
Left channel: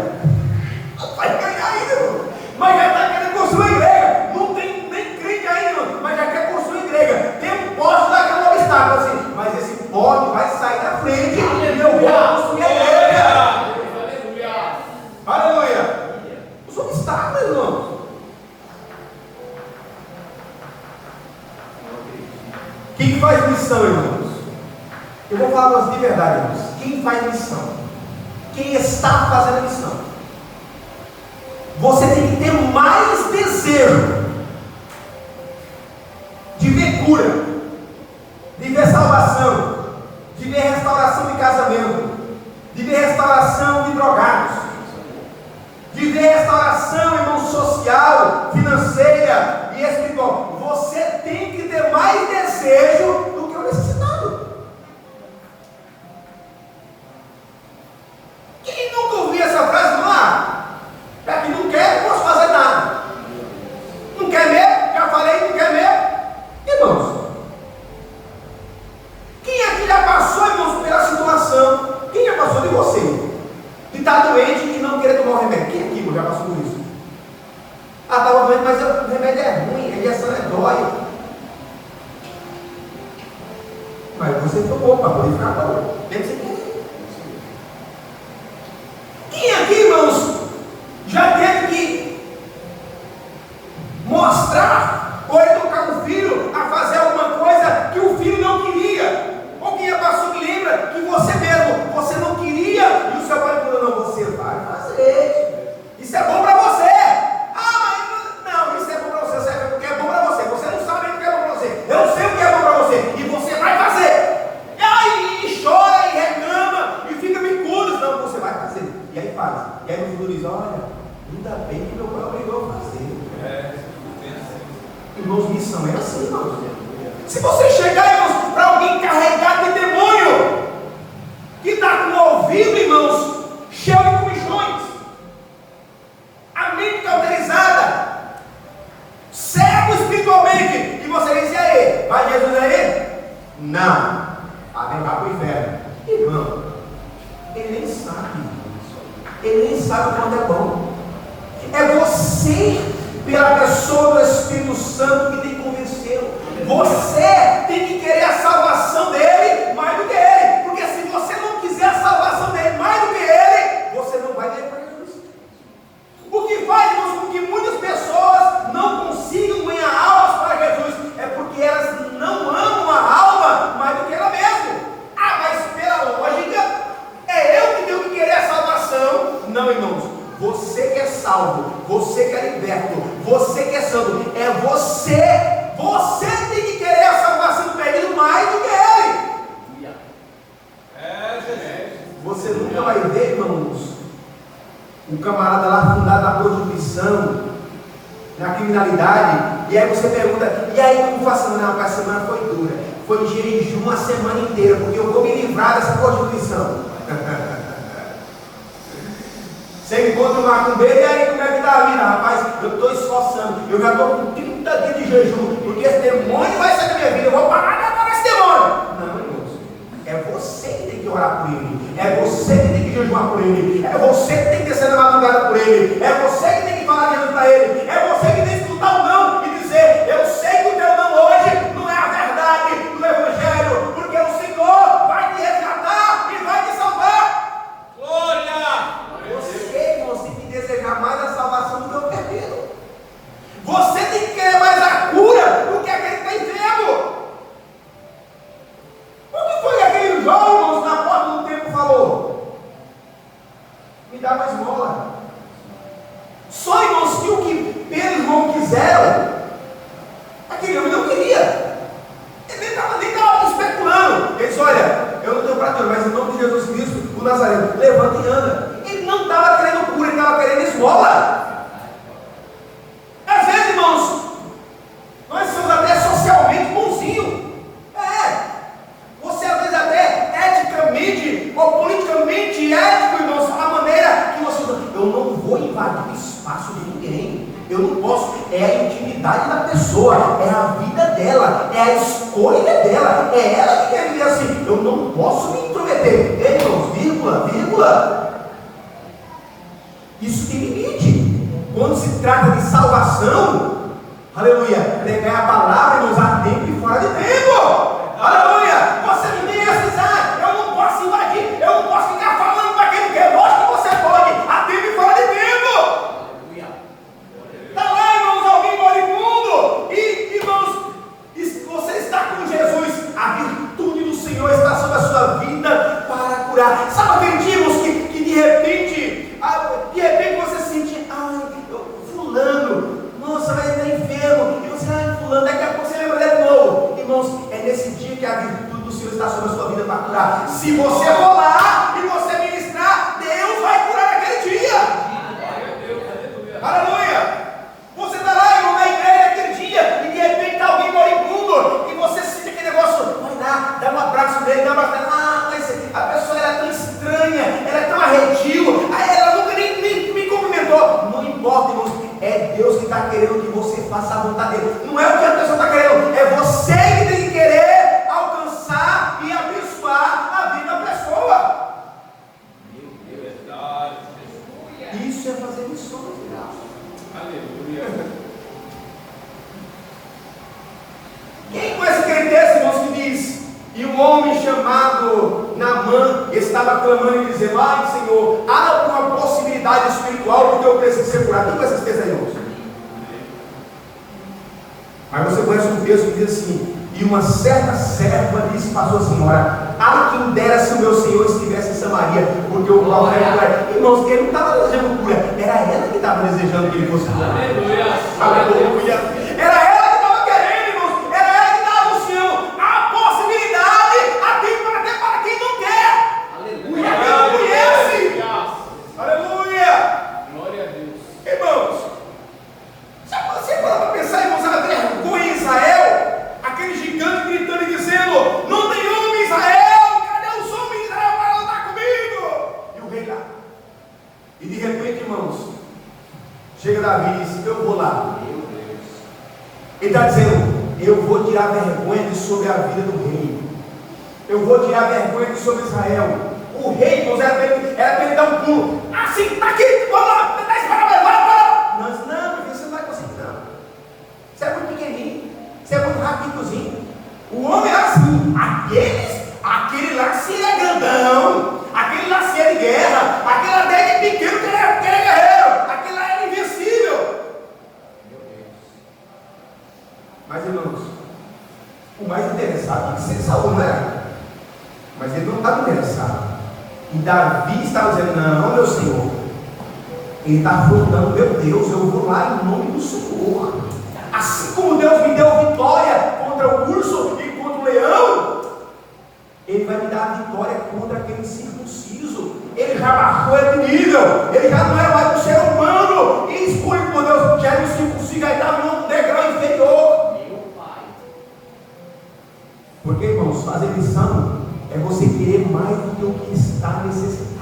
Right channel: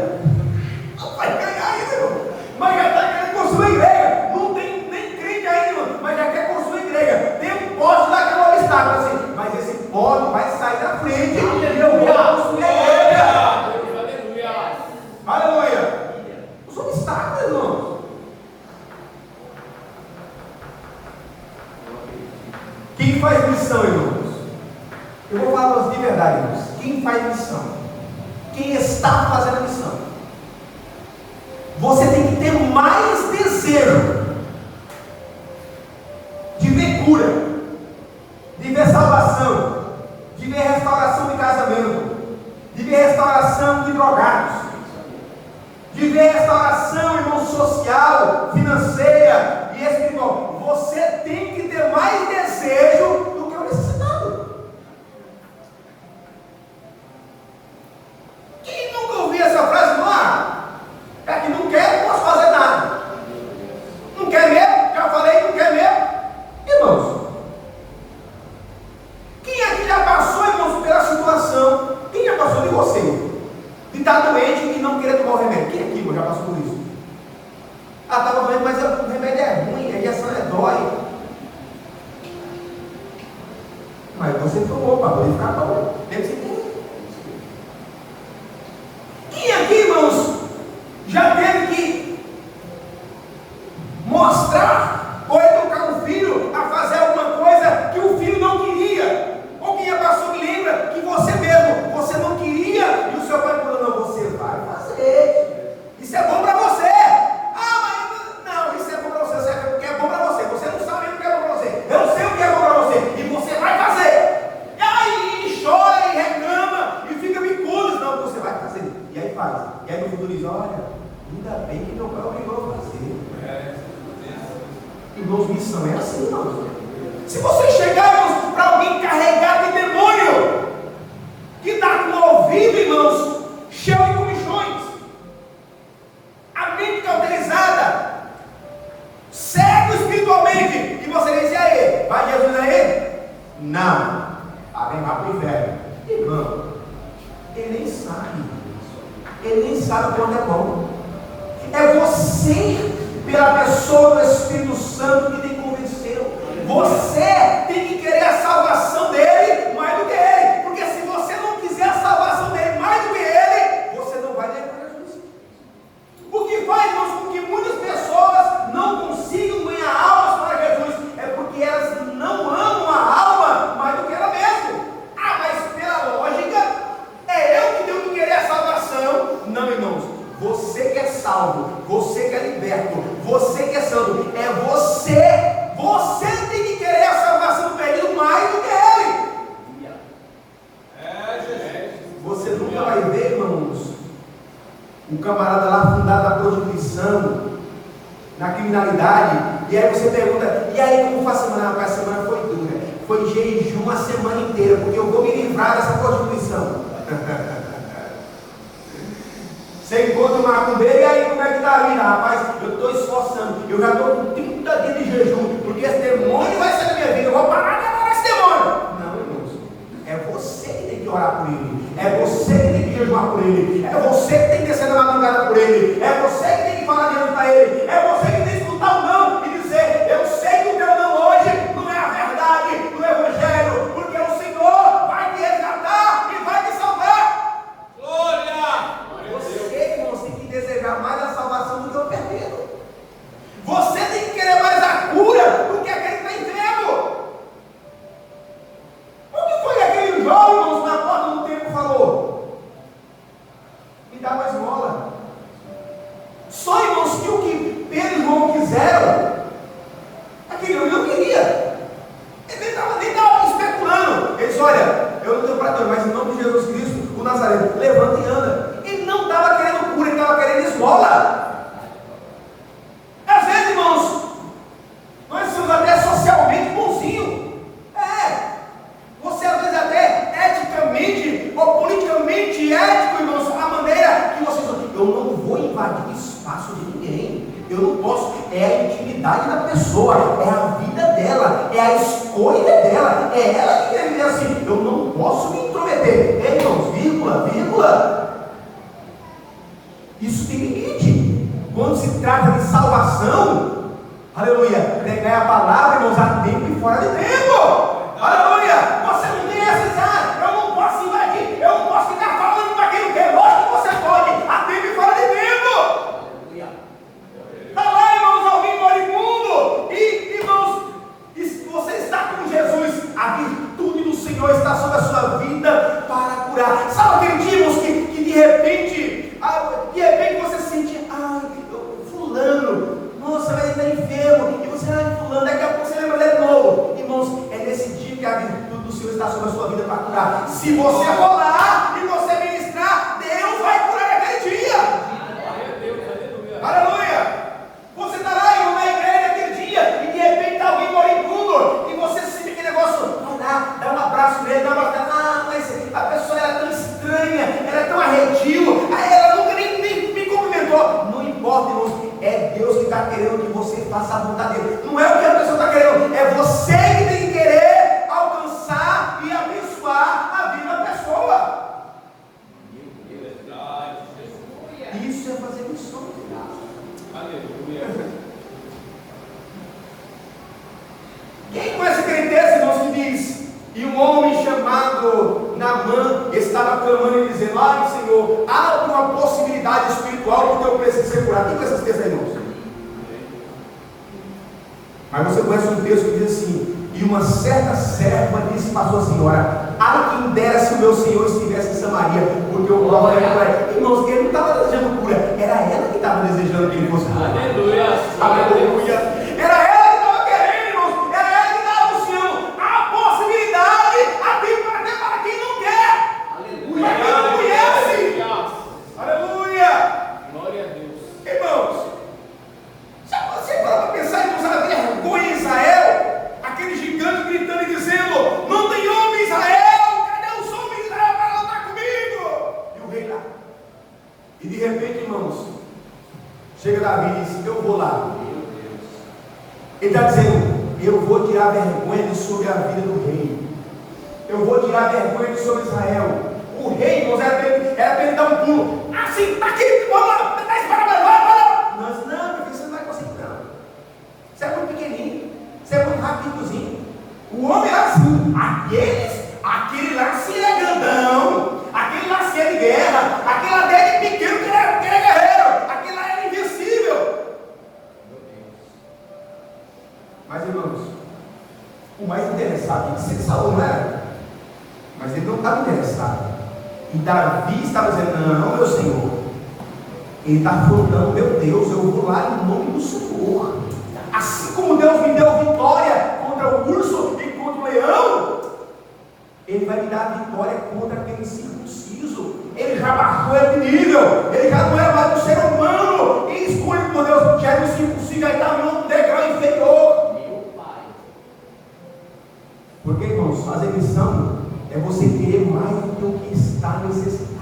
Vai ganhar ainda, irmão. Mas já está querendo construir igreja. Não tem nem crítica ainda, irmão. Mas já quer construir igreja. Tem um poste lá que é um obstáculo assim. Mas esse poste vai sair da frente. E eu vou construir a igreja. Aleluia! Os obstáculos, irmãos. Quem faz missão, irmãos? Eu vou falar de verdade, irmãos. Quem faz missão? Quem está fazendo a missão? você tem que ter mais desejo de ver cura, de ver salvação, de ver restauração de casamento, de ver restauração de drogados, de ver restauração, irmão, social, financeira e espiritual. Você tem que ter mais desejo do que o necessitado. Quem nunca ouviu essa frase? É que não quer, não posso fazer nada. Não quer mesmo? Já falei, não quer mesmo? Irmãos, quem aqui já passou, irmãos, pela situação? Quem já passou de você? De estar doente e não querer tomar o remédio? Quem aqui, irmão, já passou por isso? Estava doente, mas o remédio é ruim, a injeção dói. Mas você tomou para poder ficar bom. Tem que ser querer. Quem aqui, irmãos, já teve que mostrar ou educar o filho a fazer alguma coisa que o filho não queria? Ou quem já passou que lembra que você mesmo, você não queria e o seu pai falou, não, você vai fazer. Isso é bom para você. Não, isso é bom para você, sabe porque é bom para você. Você não sabe o que é bom para você. Eu sei o que é bom para você e você vai fazer. E aí chora e reclama e fica bicudo. Não, você vai fazer. E aí faz. E aí no futuro diz, olha, ainda bem que meu pai obrigou a fazer. Irmãos, missão é assim, irmãos. Se você chegar, irmãos, para alguém carregado de demônio, que está com o ouvido, irmãos, cheio de comichões, a mente cauterizada, cego espiritualmente, e você diz, e aí, vai Jesus aí? Não, vai para o inferno. Irmão, ele nem sabe quanto é bom. É você, pela pessoa do Espírito Santo, que tem que convencê-lo. Você tem que querer a salvação dele mais do que ele, porque se você não quiser a salvação dele mais do que ele, você não vai ter para Jesus. O que faz, irmãos, com que muitas pessoas não consigam ganhar almas para Jesus é porque elas não amam a alma mais do que ela mesma. Mas pela lógica, é eu que tenho que querer a salvação. Não, irmãos, você que é salvo, você que é liberto, você que é santo, é você tem que querer a salvação do perdido mais do que ele. Você nunca vai ver, irmãos, um camarada lá fundado na prostituição, na criminalidade, e aí você pergunta, e aí como foi a semana? Porque a semana foi dura, foi jejum a semana inteira, porque eu vou me livrar dessa prostituição. Você encontra uma macumbeira, e aí como é que está a vida? Rapaz, eu estou esforçando, eu já estou com 30 dias de jejum, porque esse demônio vai sair da minha vida, eu vou parar de adorar esse demônio. Não, irmãos, é você que tem que orar por ele, é você que tem que jejuar por ele, é você que tem que descer na madrugada por ele, é você que tem que falar de Jesus para ele, é você que tem que escutar o não e dizer, eu sei que o teu não hoje não é a verdade do Evangelho, porque o Senhor vai te resgatar e vai te salvar. Glória! Você, irmãos, tem que desejar mais a salvação do que o perdido. Você tem que querer mais a cura do que aquele que está enfermo. O que foi aquele jovem, irmãos, na porta do templo falou? Me dá mais mola. Só, irmãos, que o que Pedro e João quiseram, aquele homem não queria. Ele nem estava especulando. Ele disse, olha, eu não tenho para ter, mas em nome de Jesus Cristo, o Nazareno, levanta e anda. Ele não estava querendo cura, ele estava querendo esmola. Às vezes, irmãos, nós somos até socialmente bonzinhos. Você às vezes até eticamente ou politicamente ético, irmãos, a maneira que você... Eu não vou invadir o espaço de ninguém. Eu não posso. É a intimidade da pessoa, é a vida dela, é a escolha dela, é ela que quer viver assim. Eu não posso me intrometer. Irmãos, vírgula. Isso tem limite. Quando se trata de salvação, aleluia, pregar a palavra, irmãos, a tempo e fora de tempo. Aleluia. Você não diga assim, eu não posso invadir, eu não posso ficar falando para quem não quer. Lógico que você pode, a tempo e fora de tempo. Está lá, irmãos, alguém moribundo, e irmãos, você está com Jesus, a virtude do Senhor está sobre a sua vida para curar. Sabe aquele dia, irmãos, que de repente você se sente, ministrar. Se você for lá e você ministrar, Deus vai curar naquele dia. Aleluia! Você está lá, irmão, na igreja naquele dia, e de repente está alguém moribundo, e você sente aquele negócio, vai lá, dá um abraço nele, dá um abraço. Ah, mas a pessoa era tão estranha, ela é tão arredio, ela nunca nem me cumprimentou. Não importa, irmãos, é Deus que está querendo que você faça a vontade dele. Não é o que a pessoa está querendo, é você que tem que querer alcançar e abençoar a vida da pessoa. Isso é fazer missões. Aleluia. Quem conhece aquele texto, irmãos, que diz: e um homem chamado Naamã estava clamando e dizendo: ai, Senhor, há uma possibilidade espiritual porque eu preciso ser curado. Quem conhece esse texto aí, irmãos? Mas você conhece um texto que diz assim: e uma certa serva disse para sua senhora: ai, quem dera se o meu Senhor estivesse em Samaria, porque o próprio era. Irmãos, ele não estava desejando cura, era ela que estava desejando que ele fosse curado. Aleluia. Aleluia. Era ela que estava querendo, irmãos, era ela que estava buscando a possibilidade, a Bíblia até para quem não quer. Aleluia. Para quem não conhece. Aleluia. Glória a Deus. Irmãos, já você parou para pensar, irmãos, a vergonha em Israel? Aquele gigante gritando e dizendo: não tem homem em Israel, cadê os homens de Israel para lutar comigo? E o rei lá. E de repente, irmãos, chega Davi e diz: então eu vou lá. Ele está dizendo: eu vou tirar a vergonha de sobre a vida do rei. Eu vou tirar a vergonha de sobre Israel. O rei, irmãos, era para ele dar um pulo. Assim, está aqui, vamos lá, está esperando, mas não, porque você não vai conseguir, não. Você é muito pequenininho, você é muito rapidinho. O homem era assim. Aquele lá se é grandão, aquele lá se é de guerra, aquele lá dele é pequeno, que ele é guerreiro, aquele lá é invencível. Mas, irmãos, o mais interessado é que Saul não era. Mas ele não estava interessado. E Davi estava dizendo: não, meu Senhor, ele está afrontando, meu Deus, eu vou lá em nome do Senhor. Assim como Deus me deu vitória contra o urso e contra o leão, Ele vai me dar a vitória contra aquele circunciso. Ele já marcou de nível, ele já não era mais um ser humano. E escolhe por Deus, já me circunciso, aí está no degrau inferior. Porque, irmãos, fazer missão é você querer mais do que o que está necessitado.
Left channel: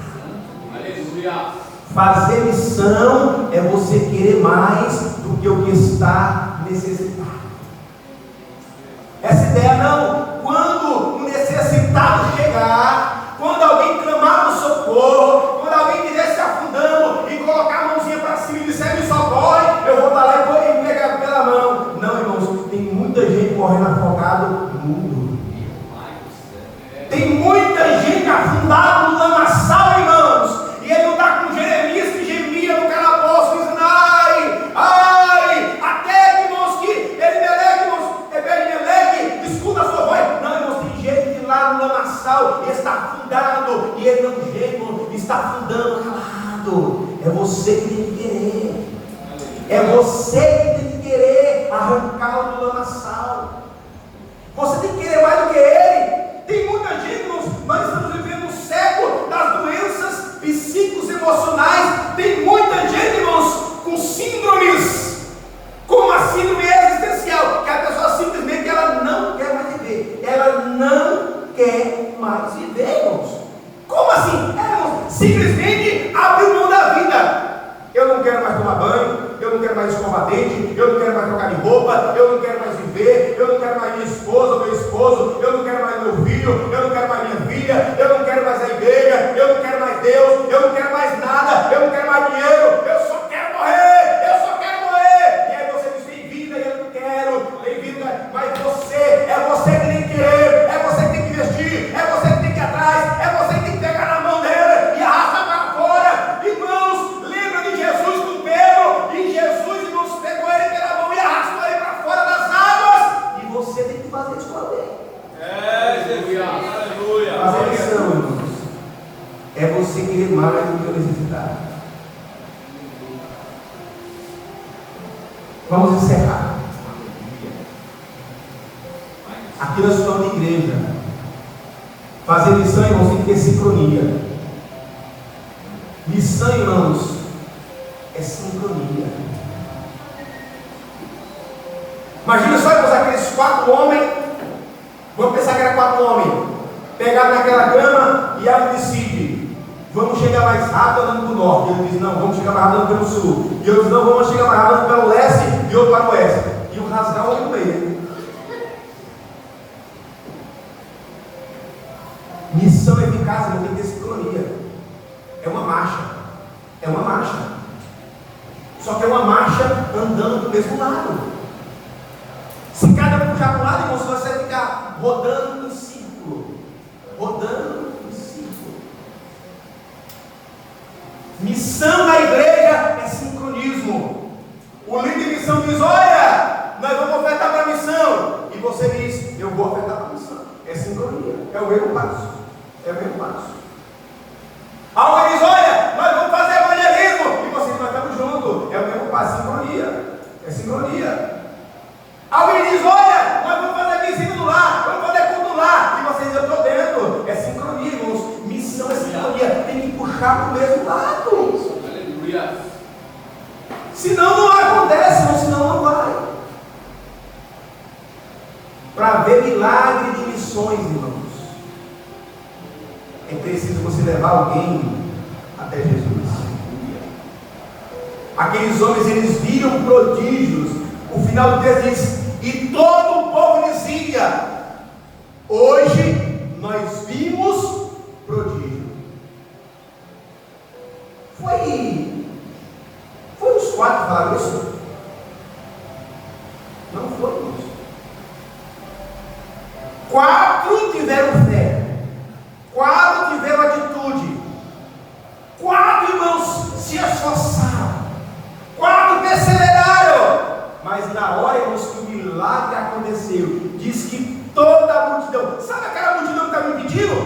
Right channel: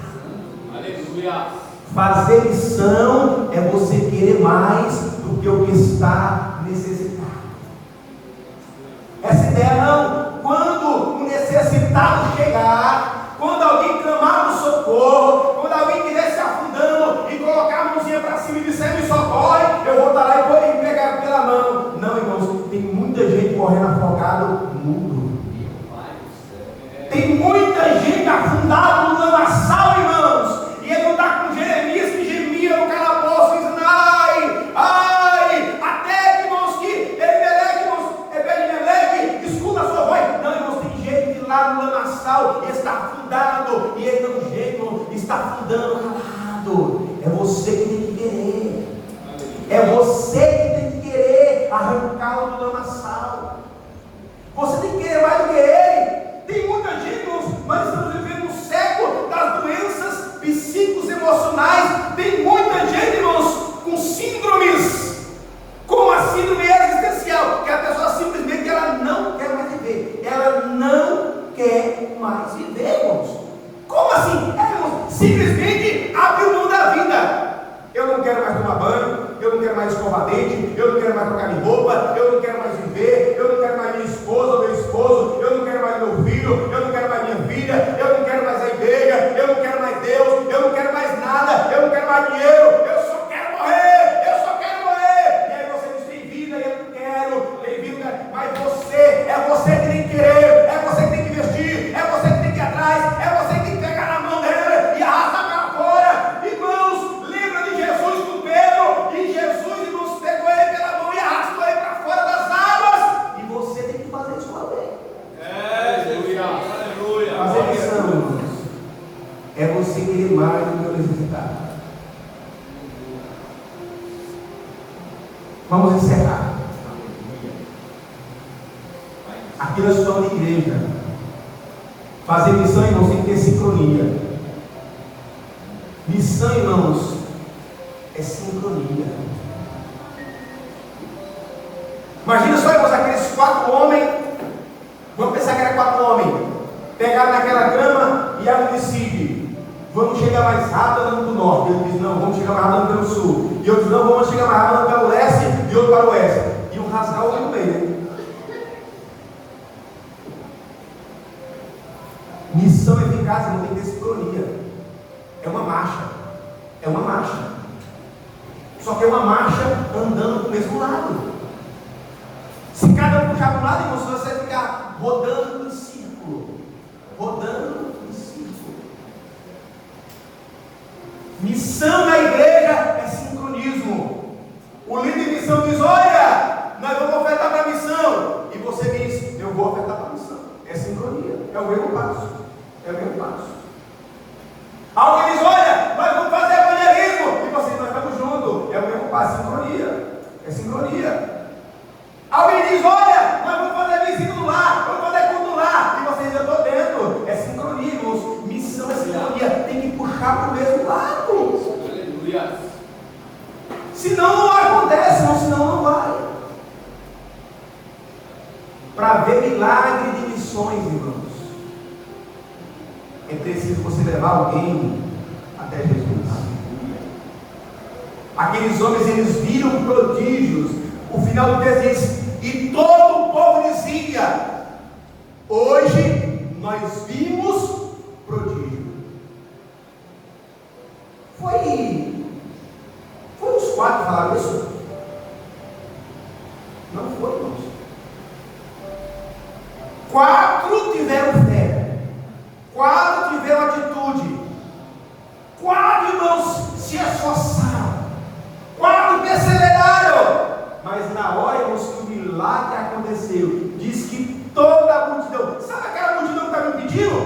Aleluia. Fazer missão é você querer mais do que o que está necessitado. Essa ideia não, quando o necessitado chegar, quando alguém clamar no socorro, quando alguém estiver se afundando e colocar a mãozinha para cima e disser: me socorre, eu vou estar lá e vou pegar pela mão. Não, irmãos, tem muita gente morrendo afogado no mundo. Tem muita gente afundada no lamaçal, irmãos. E ele não está com Jeremias que gemia no calabouço, dizendo: ai, até que, irmãos, que Ebed-Meleque, escuta a sua voz. Não, irmãos, tem gente lá no lamaçal, ele está afundado, e ele não geme, está afundando calado. É você que tem que querer. É você que tem que querer arrancá-lo do lamaçal. Você tem que querer mais do que ele. Tem muita gente, irmãos, nós estamos vivendo um século das doenças psíquicos emocionais. Tem muita gente, irmãos, com síndromes, como a síndrome existencial, que a pessoa simplesmente ela não quer mais viver. Ela não quer mais viver, irmãos. Como assim? Irmãos, simplesmente abriu mão da vida. Eu não quero mais tomar banho, eu não quero mais escovar dente, eu não quero mais trocar de roupa, eu não quero mais viver, eu não quero mais minha esposa ou meu esposo, eu não quero mais meu filho, eu não quero mais minha filha, eu não quero mais a igreja, eu não quero mais Deus, eu não quero mais nada, eu não quero mais dinheiro, eu só quero morrer, eu só quero morrer. E aí você diz: tem vida, e eu não quero, tem vida, mas é você que tem que querer, é você que tem que investir, é você que tem que ir atrás, é você que tem que pegar na mão dele e arrastar para fora. Irmãos, lembra de Jesus com Pedro, e Jesus, irmãos, pegou ele pela mão e arrastou ele para fora das águas, e você tem que fazer isso também. Aleluia. Aleluia. Fazer missão, irmãos, é você querer mais do que a necessidade. Vamos encerrar. Aqui nós estamos de igreja. Fazer missão, irmãos, tem que ter sincronia. Missão, irmãos, é sincronia. Imagina só, irmãos, aqueles 4 homens. Vamos pensar que era 4 homens. Pegaram naquela cama e ela decide: vamos chegar mais rápido andando para o norte. E ele diz: não, vamos chegar mais rápido andando pelo sul. E eu diz: não, vamos chegar mais rápido andando pelo leste. E outro para o oeste. E um rasgar o olho no meio. Missão eficaz não tem que ter sincronia. É uma marcha. É uma marcha. Só que é uma marcha andando para o mesmo lado. Se cada um puxar para um lado, irmão, você vai ficar rodando em círculo. Rodando em círculo. Missão na igreja é sincronismo. O líder de missão diz: olha, nós vamos ofertar para a missão. E você diz: eu vou ofertar para a missão. É sincronia. É o mesmo passo. É o mesmo passo. Alguém diz: olha, nós vamos fazer evangelismo. E você diz: nós estamos juntos. É o mesmo passo. Sincronia. É sincronia. Alguém diz: olha, nós vamos fazer visita do lar, vamos fazer culto do lar. E você diz: eu estou dentro. É sincronia, irmãos. Missão é sincronia. Tem que puxar para o mesmo lado. Aleluia. Senão não acontece, irmão. Senão não vai. Para ver milagre de missões, irmãos, é preciso você levar alguém até Jesus. Aqueles homens, eles viram prodígios. O final do texto diz: e todo o povo dizia: hoje nós vimos prodígio. Foi os 4 que falaram isso? Não foi, irmãos. 4 tiveram fé. 4 tiveram atitude. 4, irmãos, se esforçaram. 4 perseveraram. Mas na hora, irmãos, que o milagre aconteceu, diz que toda a multidão, sabe aquela multidão que estava impedindo?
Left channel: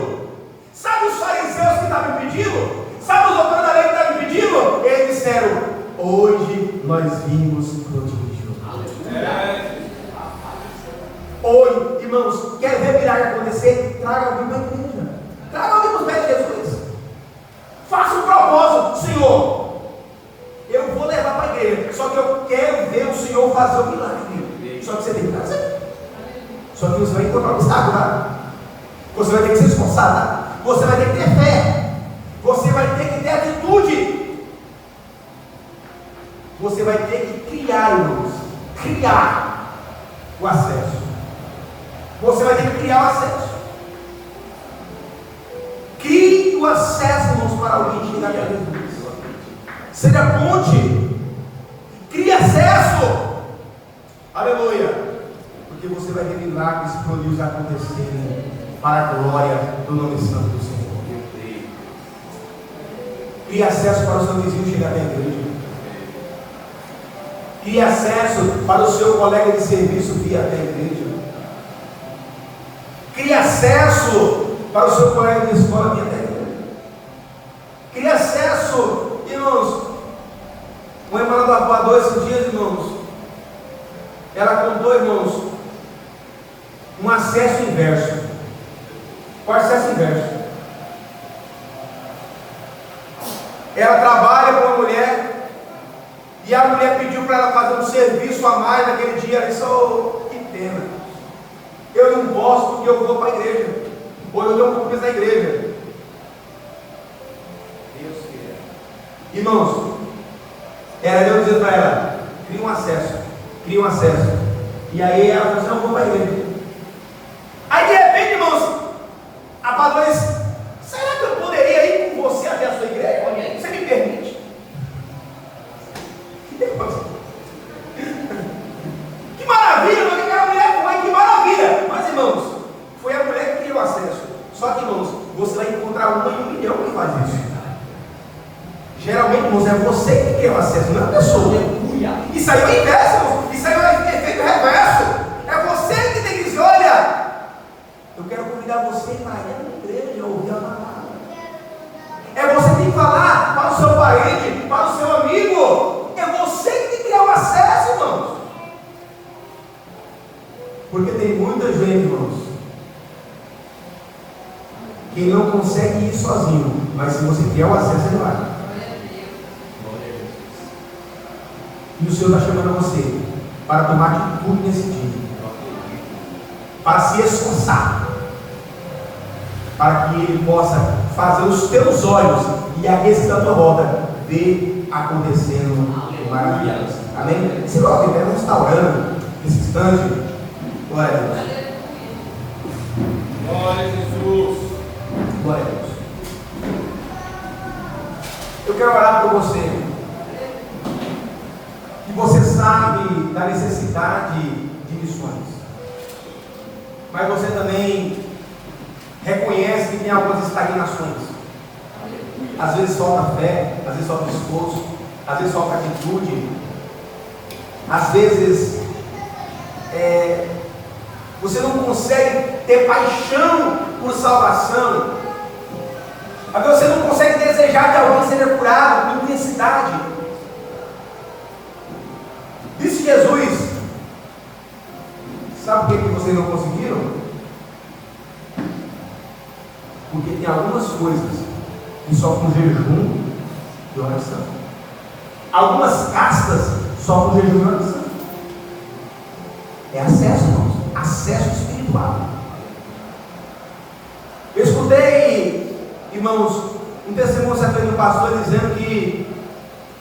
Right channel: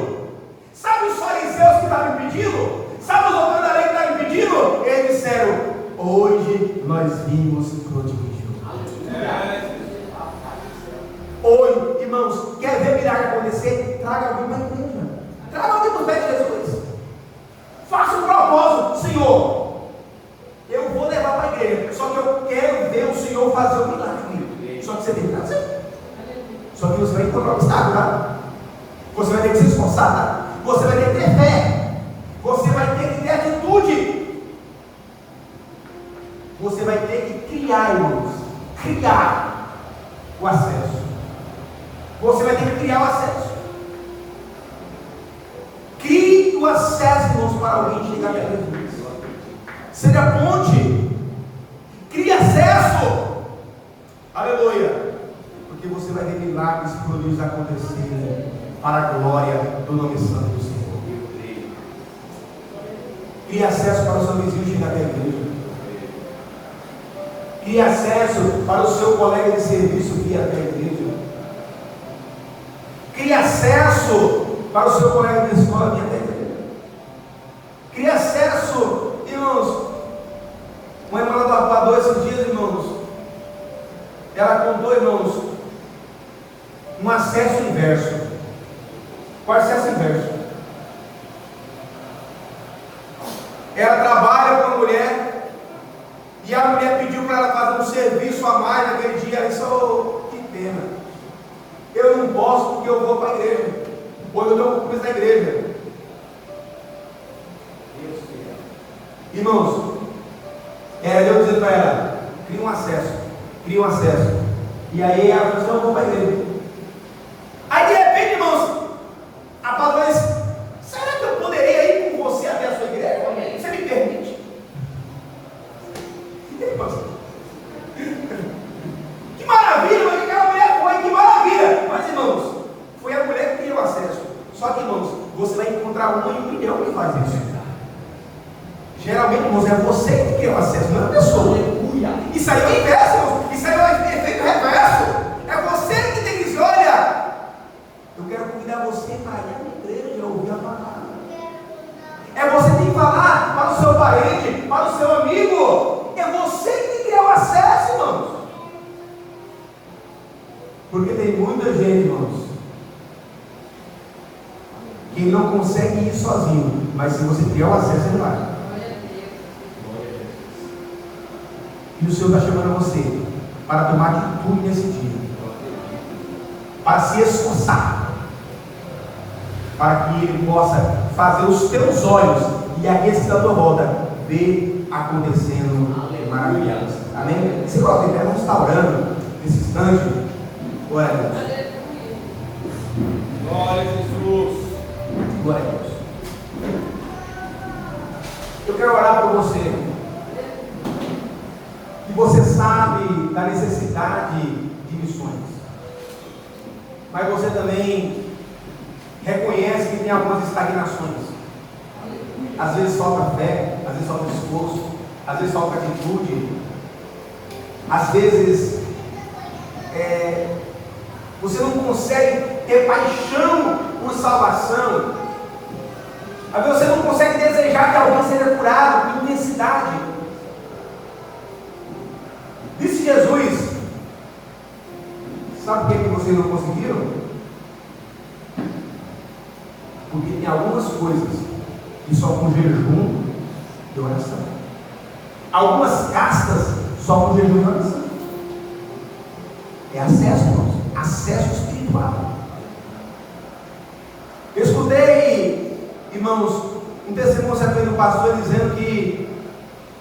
Sabe os fariseus que estavam impedindo? Sabe os doutores da lei que estavam impedindo? Eles disseram: hoje nós vimos prodígio. Hoje, irmãos, quer ver milagre acontecer? Traga alguém para a igreja. Traga alguém para o pé de Jesus. Faça um propósito: Senhor, eu vou levar para a igreja, só que eu quero ver o Senhor fazer o milagre. Só que você tem que fazer. Só que você vai encontrar um obstáculo, tá? Você vai ter que se esforçar, tá? Você vai ter que ter fé. Você vai ter que ter atitude. Você vai ter que criar, irmãos. Criar o acesso. Você vai ter que criar o acesso. Crie o acesso, irmãos, para alguém chegar a Jesus. Seja ponte. Crie acesso. Aleluia. Porque você vai ver milagres e prodígios acontecerem para a glória do nome santo do Senhor. Crie acesso para o seu vizinho chegar até a igreja. Crie acesso para o seu colega de serviço vir até a igreja. Crie acesso para o seu colega de escola vir até a igreja. Crie acesso, irmãos. Uma irmã lavadora esses dias, irmãos, ela contou, irmãos, um acesso inverso. Qual acesso inverso? Ela trabalha com uma mulher e a mulher pediu para ela fazer um serviço a mais naquele dia. Ela disse: oh, que pena, eu não posso porque eu vou para a igreja, ou eu não vou para a igreja. Deus quer. Irmãos, era Deus dizendo para ela: cria um acesso, cria um acesso. E aí ela falou assim: eu vou para a igreja. Aí de repente, irmãos, a palavra disse: será que eu poderia ir com você até a sua igreja? Você me permite? Que maravilha, mas que aquela mulher foi, que maravilha. Mas irmãos, foi a mulher que criou acesso. Só que, irmãos, você vai encontrar 1 em 1 milhão que faz isso. Geralmente, irmãos, é você que cria o acesso, não é a pessoa. Isso aí é o inverso, irmãos. Isso aí é o efeito reverso. É você que tem que dizer: olha, eu quero convidar você para ir à igreja, ouvir a palavra. É você que tem que falar para o seu parente, para o seu amigo. É você que tem que criar o acesso, irmãos. Porque tem muita gente, irmãos, consegue ir sozinho, mas se você quer o acesso, ele vai. E o Senhor está chamando você para tomar atitude nesse dia, para se esforçar, para que Ele possa fazer os teus olhos e aqueles da tua volta ver acontecendo maravilhas. Amém? Se nós estivermos restaurando nesse instante, glória a Deus. Glória a Jesus. Glória a Deus. Eu quero orar por você. Que você sabe da necessidade de missões. Mas você também reconhece que tem algumas estagnações. Às vezes falta fé, às vezes falta esforço, às vezes falta atitude. Às vezes você não consegue ter paixão por salvação. Às vezes você não consegue desejar que alguém seja curado com intensidade. Disse Jesus: sabe por que vocês não conseguiram? Porque tem algumas coisas que só com jejum e oração. Algumas castas só com jejum e oração. É acesso, irmãos. Acesso espiritual. Eu escutei, irmãos, um testemunho certo do pastor dizendo que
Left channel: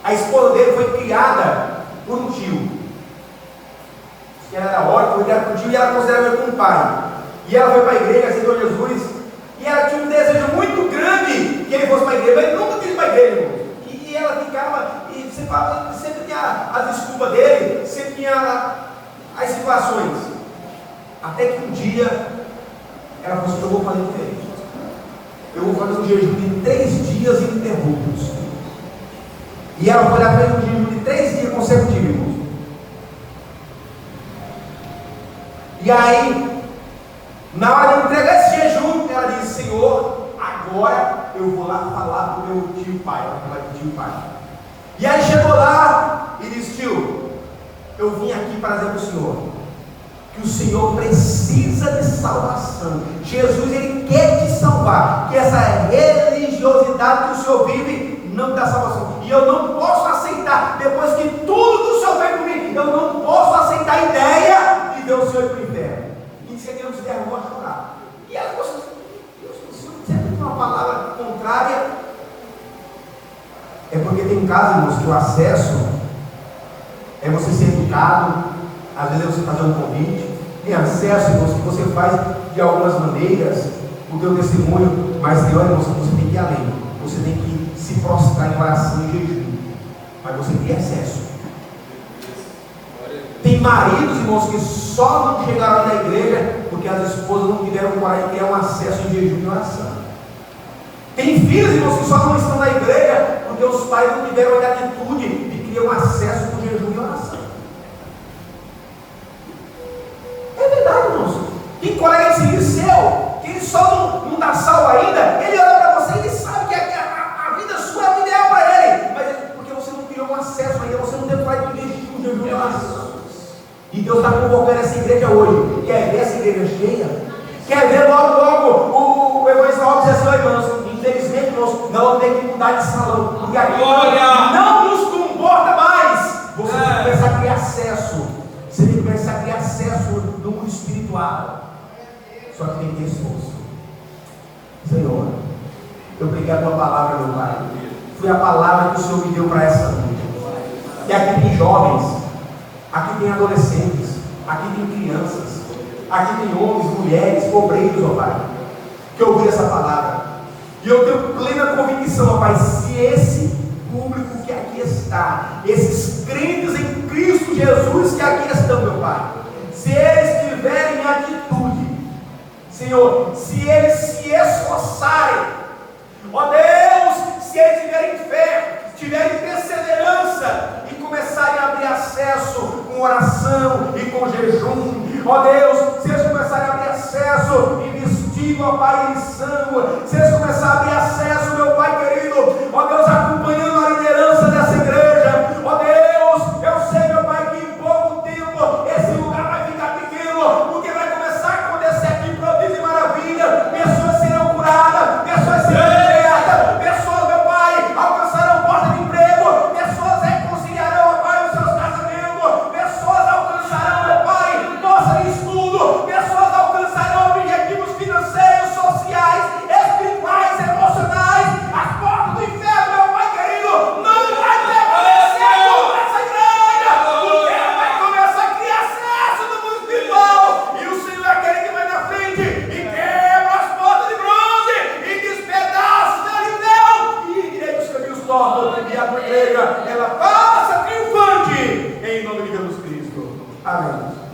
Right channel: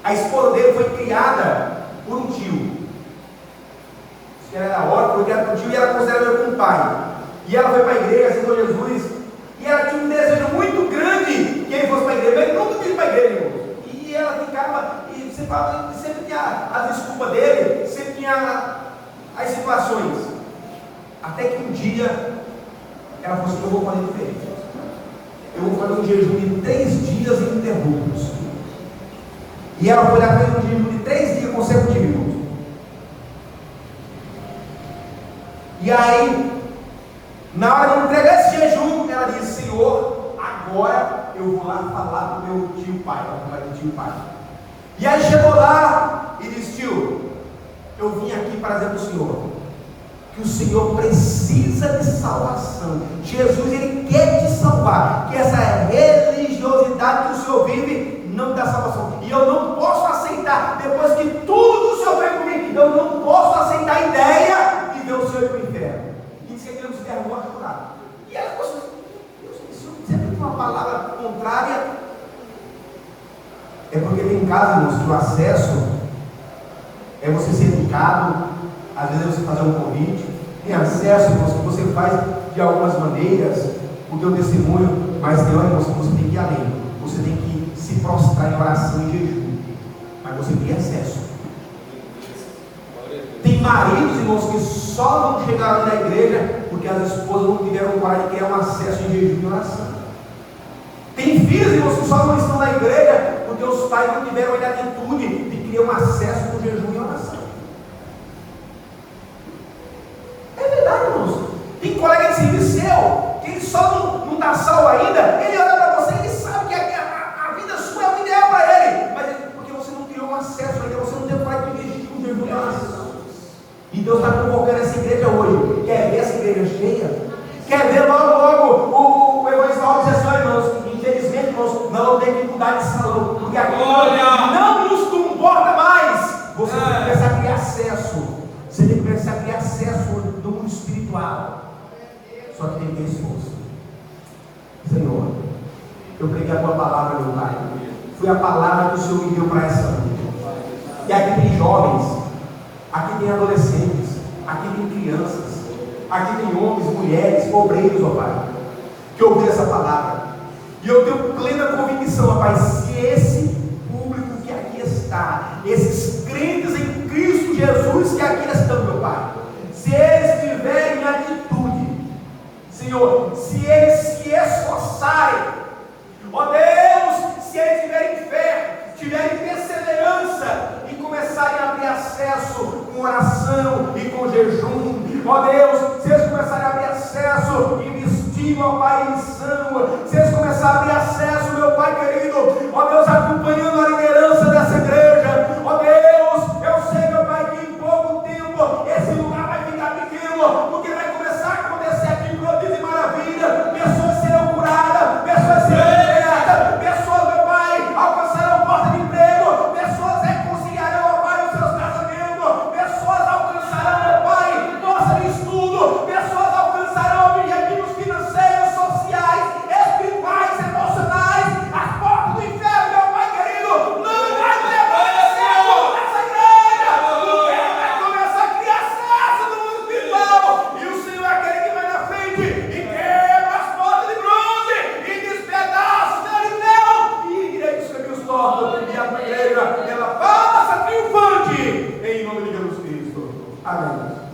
a esposa dele foi criada por um tio. Que era da hora, foi criada por um tio e ela considerava ele como um pai. E ela foi para a igreja, aceitou Jesus. E ela tinha um desejo muito grande que ele fosse para a igreja, mas ele nunca quis ir para a igreja, irmão. E ela ficava, e sempre tinha a desculpa dele, sempre tinha as situações. Até que um dia ela falou assim: eu vou fazer diferente. Eu vou fazer um jejum de 3 dias ininterruptos. E ela foi lá, fez um jejum de 3 dias consecutivos, irmãos. E aí, na hora de entregar esse jejum, ela disse: Senhor, agora eu vou lá falar do meu tio pai. Ela falar do tio pai. E aí chegou lá e disse: tio, eu vim aqui para dizer para o Senhor que o Senhor precisa de salvação. Jesus, Ele quer te salvar. Que essa religiosidade que o Senhor vive não dá salvação. E eu não posso aceitar, depois que tudo que o Senhor fez comigo, eu não posso aceitar a ideia de ver o Senhor ir para o inferno. E disse que Deus quer morrer lá. E as pessoas, Deus, o Senhor sempre uma palavra contrária. É porque tem casos, irmãos, que o acesso é você ser educado. Às vezes é você fazer um convite. Tem acesso, irmãos, que você faz de algumas maneiras o teu testemunho, mas tem hora, irmãos, que você tem que ir além. Você tem que se prostrar em oração e jejum. Mas você tem acesso. Tem maridos, irmãos, que só não chegaram na igreja porque as esposas não tiveram coragem de ter um acesso em jejum e oração. Tem filhos, irmãos, que só não estão na igreja porque os pais não tiveram a atitude de criar um acesso no jejum e oração. É verdade, irmãos. Tem colega de serviço seu que ele só não está salvo ainda. Ele olha para você e ele sabe que a vida sua é o ideal para ele. Mas porque você não criou um acesso ainda, você não tem coragem de jejum e oração. E Deus está convocando essa igreja hoje. Quer ver essa igreja cheia? Quer ver logo o evangelho dizer assim: irmãos, infelizmente, irmãos, não tem que mudar de salão, porque aqui não nos comporta mais. Você tem que começar a criar acesso. Você tem que começar a criar acesso no mundo espiritual. Só que tem que ter esforço. Senhor, eu peguei a tua palavra, meu Pai. Foi a palavra que o Senhor me deu para essa noite. E aqui tem jovens, aqui tem adolescentes, aqui tem crianças, aqui tem homens, mulheres, obreiros, ó Pai, que ouviram essa palavra. E eu tenho plena convicção, ó Pai, se esse público que aqui está, esses crentes em Cristo Jesus que aqui estão, meu Pai, se eles tiverem atitude, Senhor, se eles se esforçarem, ó Deus, se eles tiverem fé, tiverem perseverança e começarem a abrir acesso com oração e com jejum, ó Deus, se eles começarem a abrir acesso e vestir, ó Pai, em sangue, se eles começarem a abrir acesso, meu Pai querido, ó Deus, acompanhando a liderança dessa igreja, ó Deus, eu sei, meu Pai, que em pouco tempo esse lugar vai ficar pequeno, porque vai começar a acontecer aqui prodígio e maravilha, pessoas serão curadas, pessoas alto e a tua igreja, ela passa triunfante em nome de Jesus Cristo. Amém.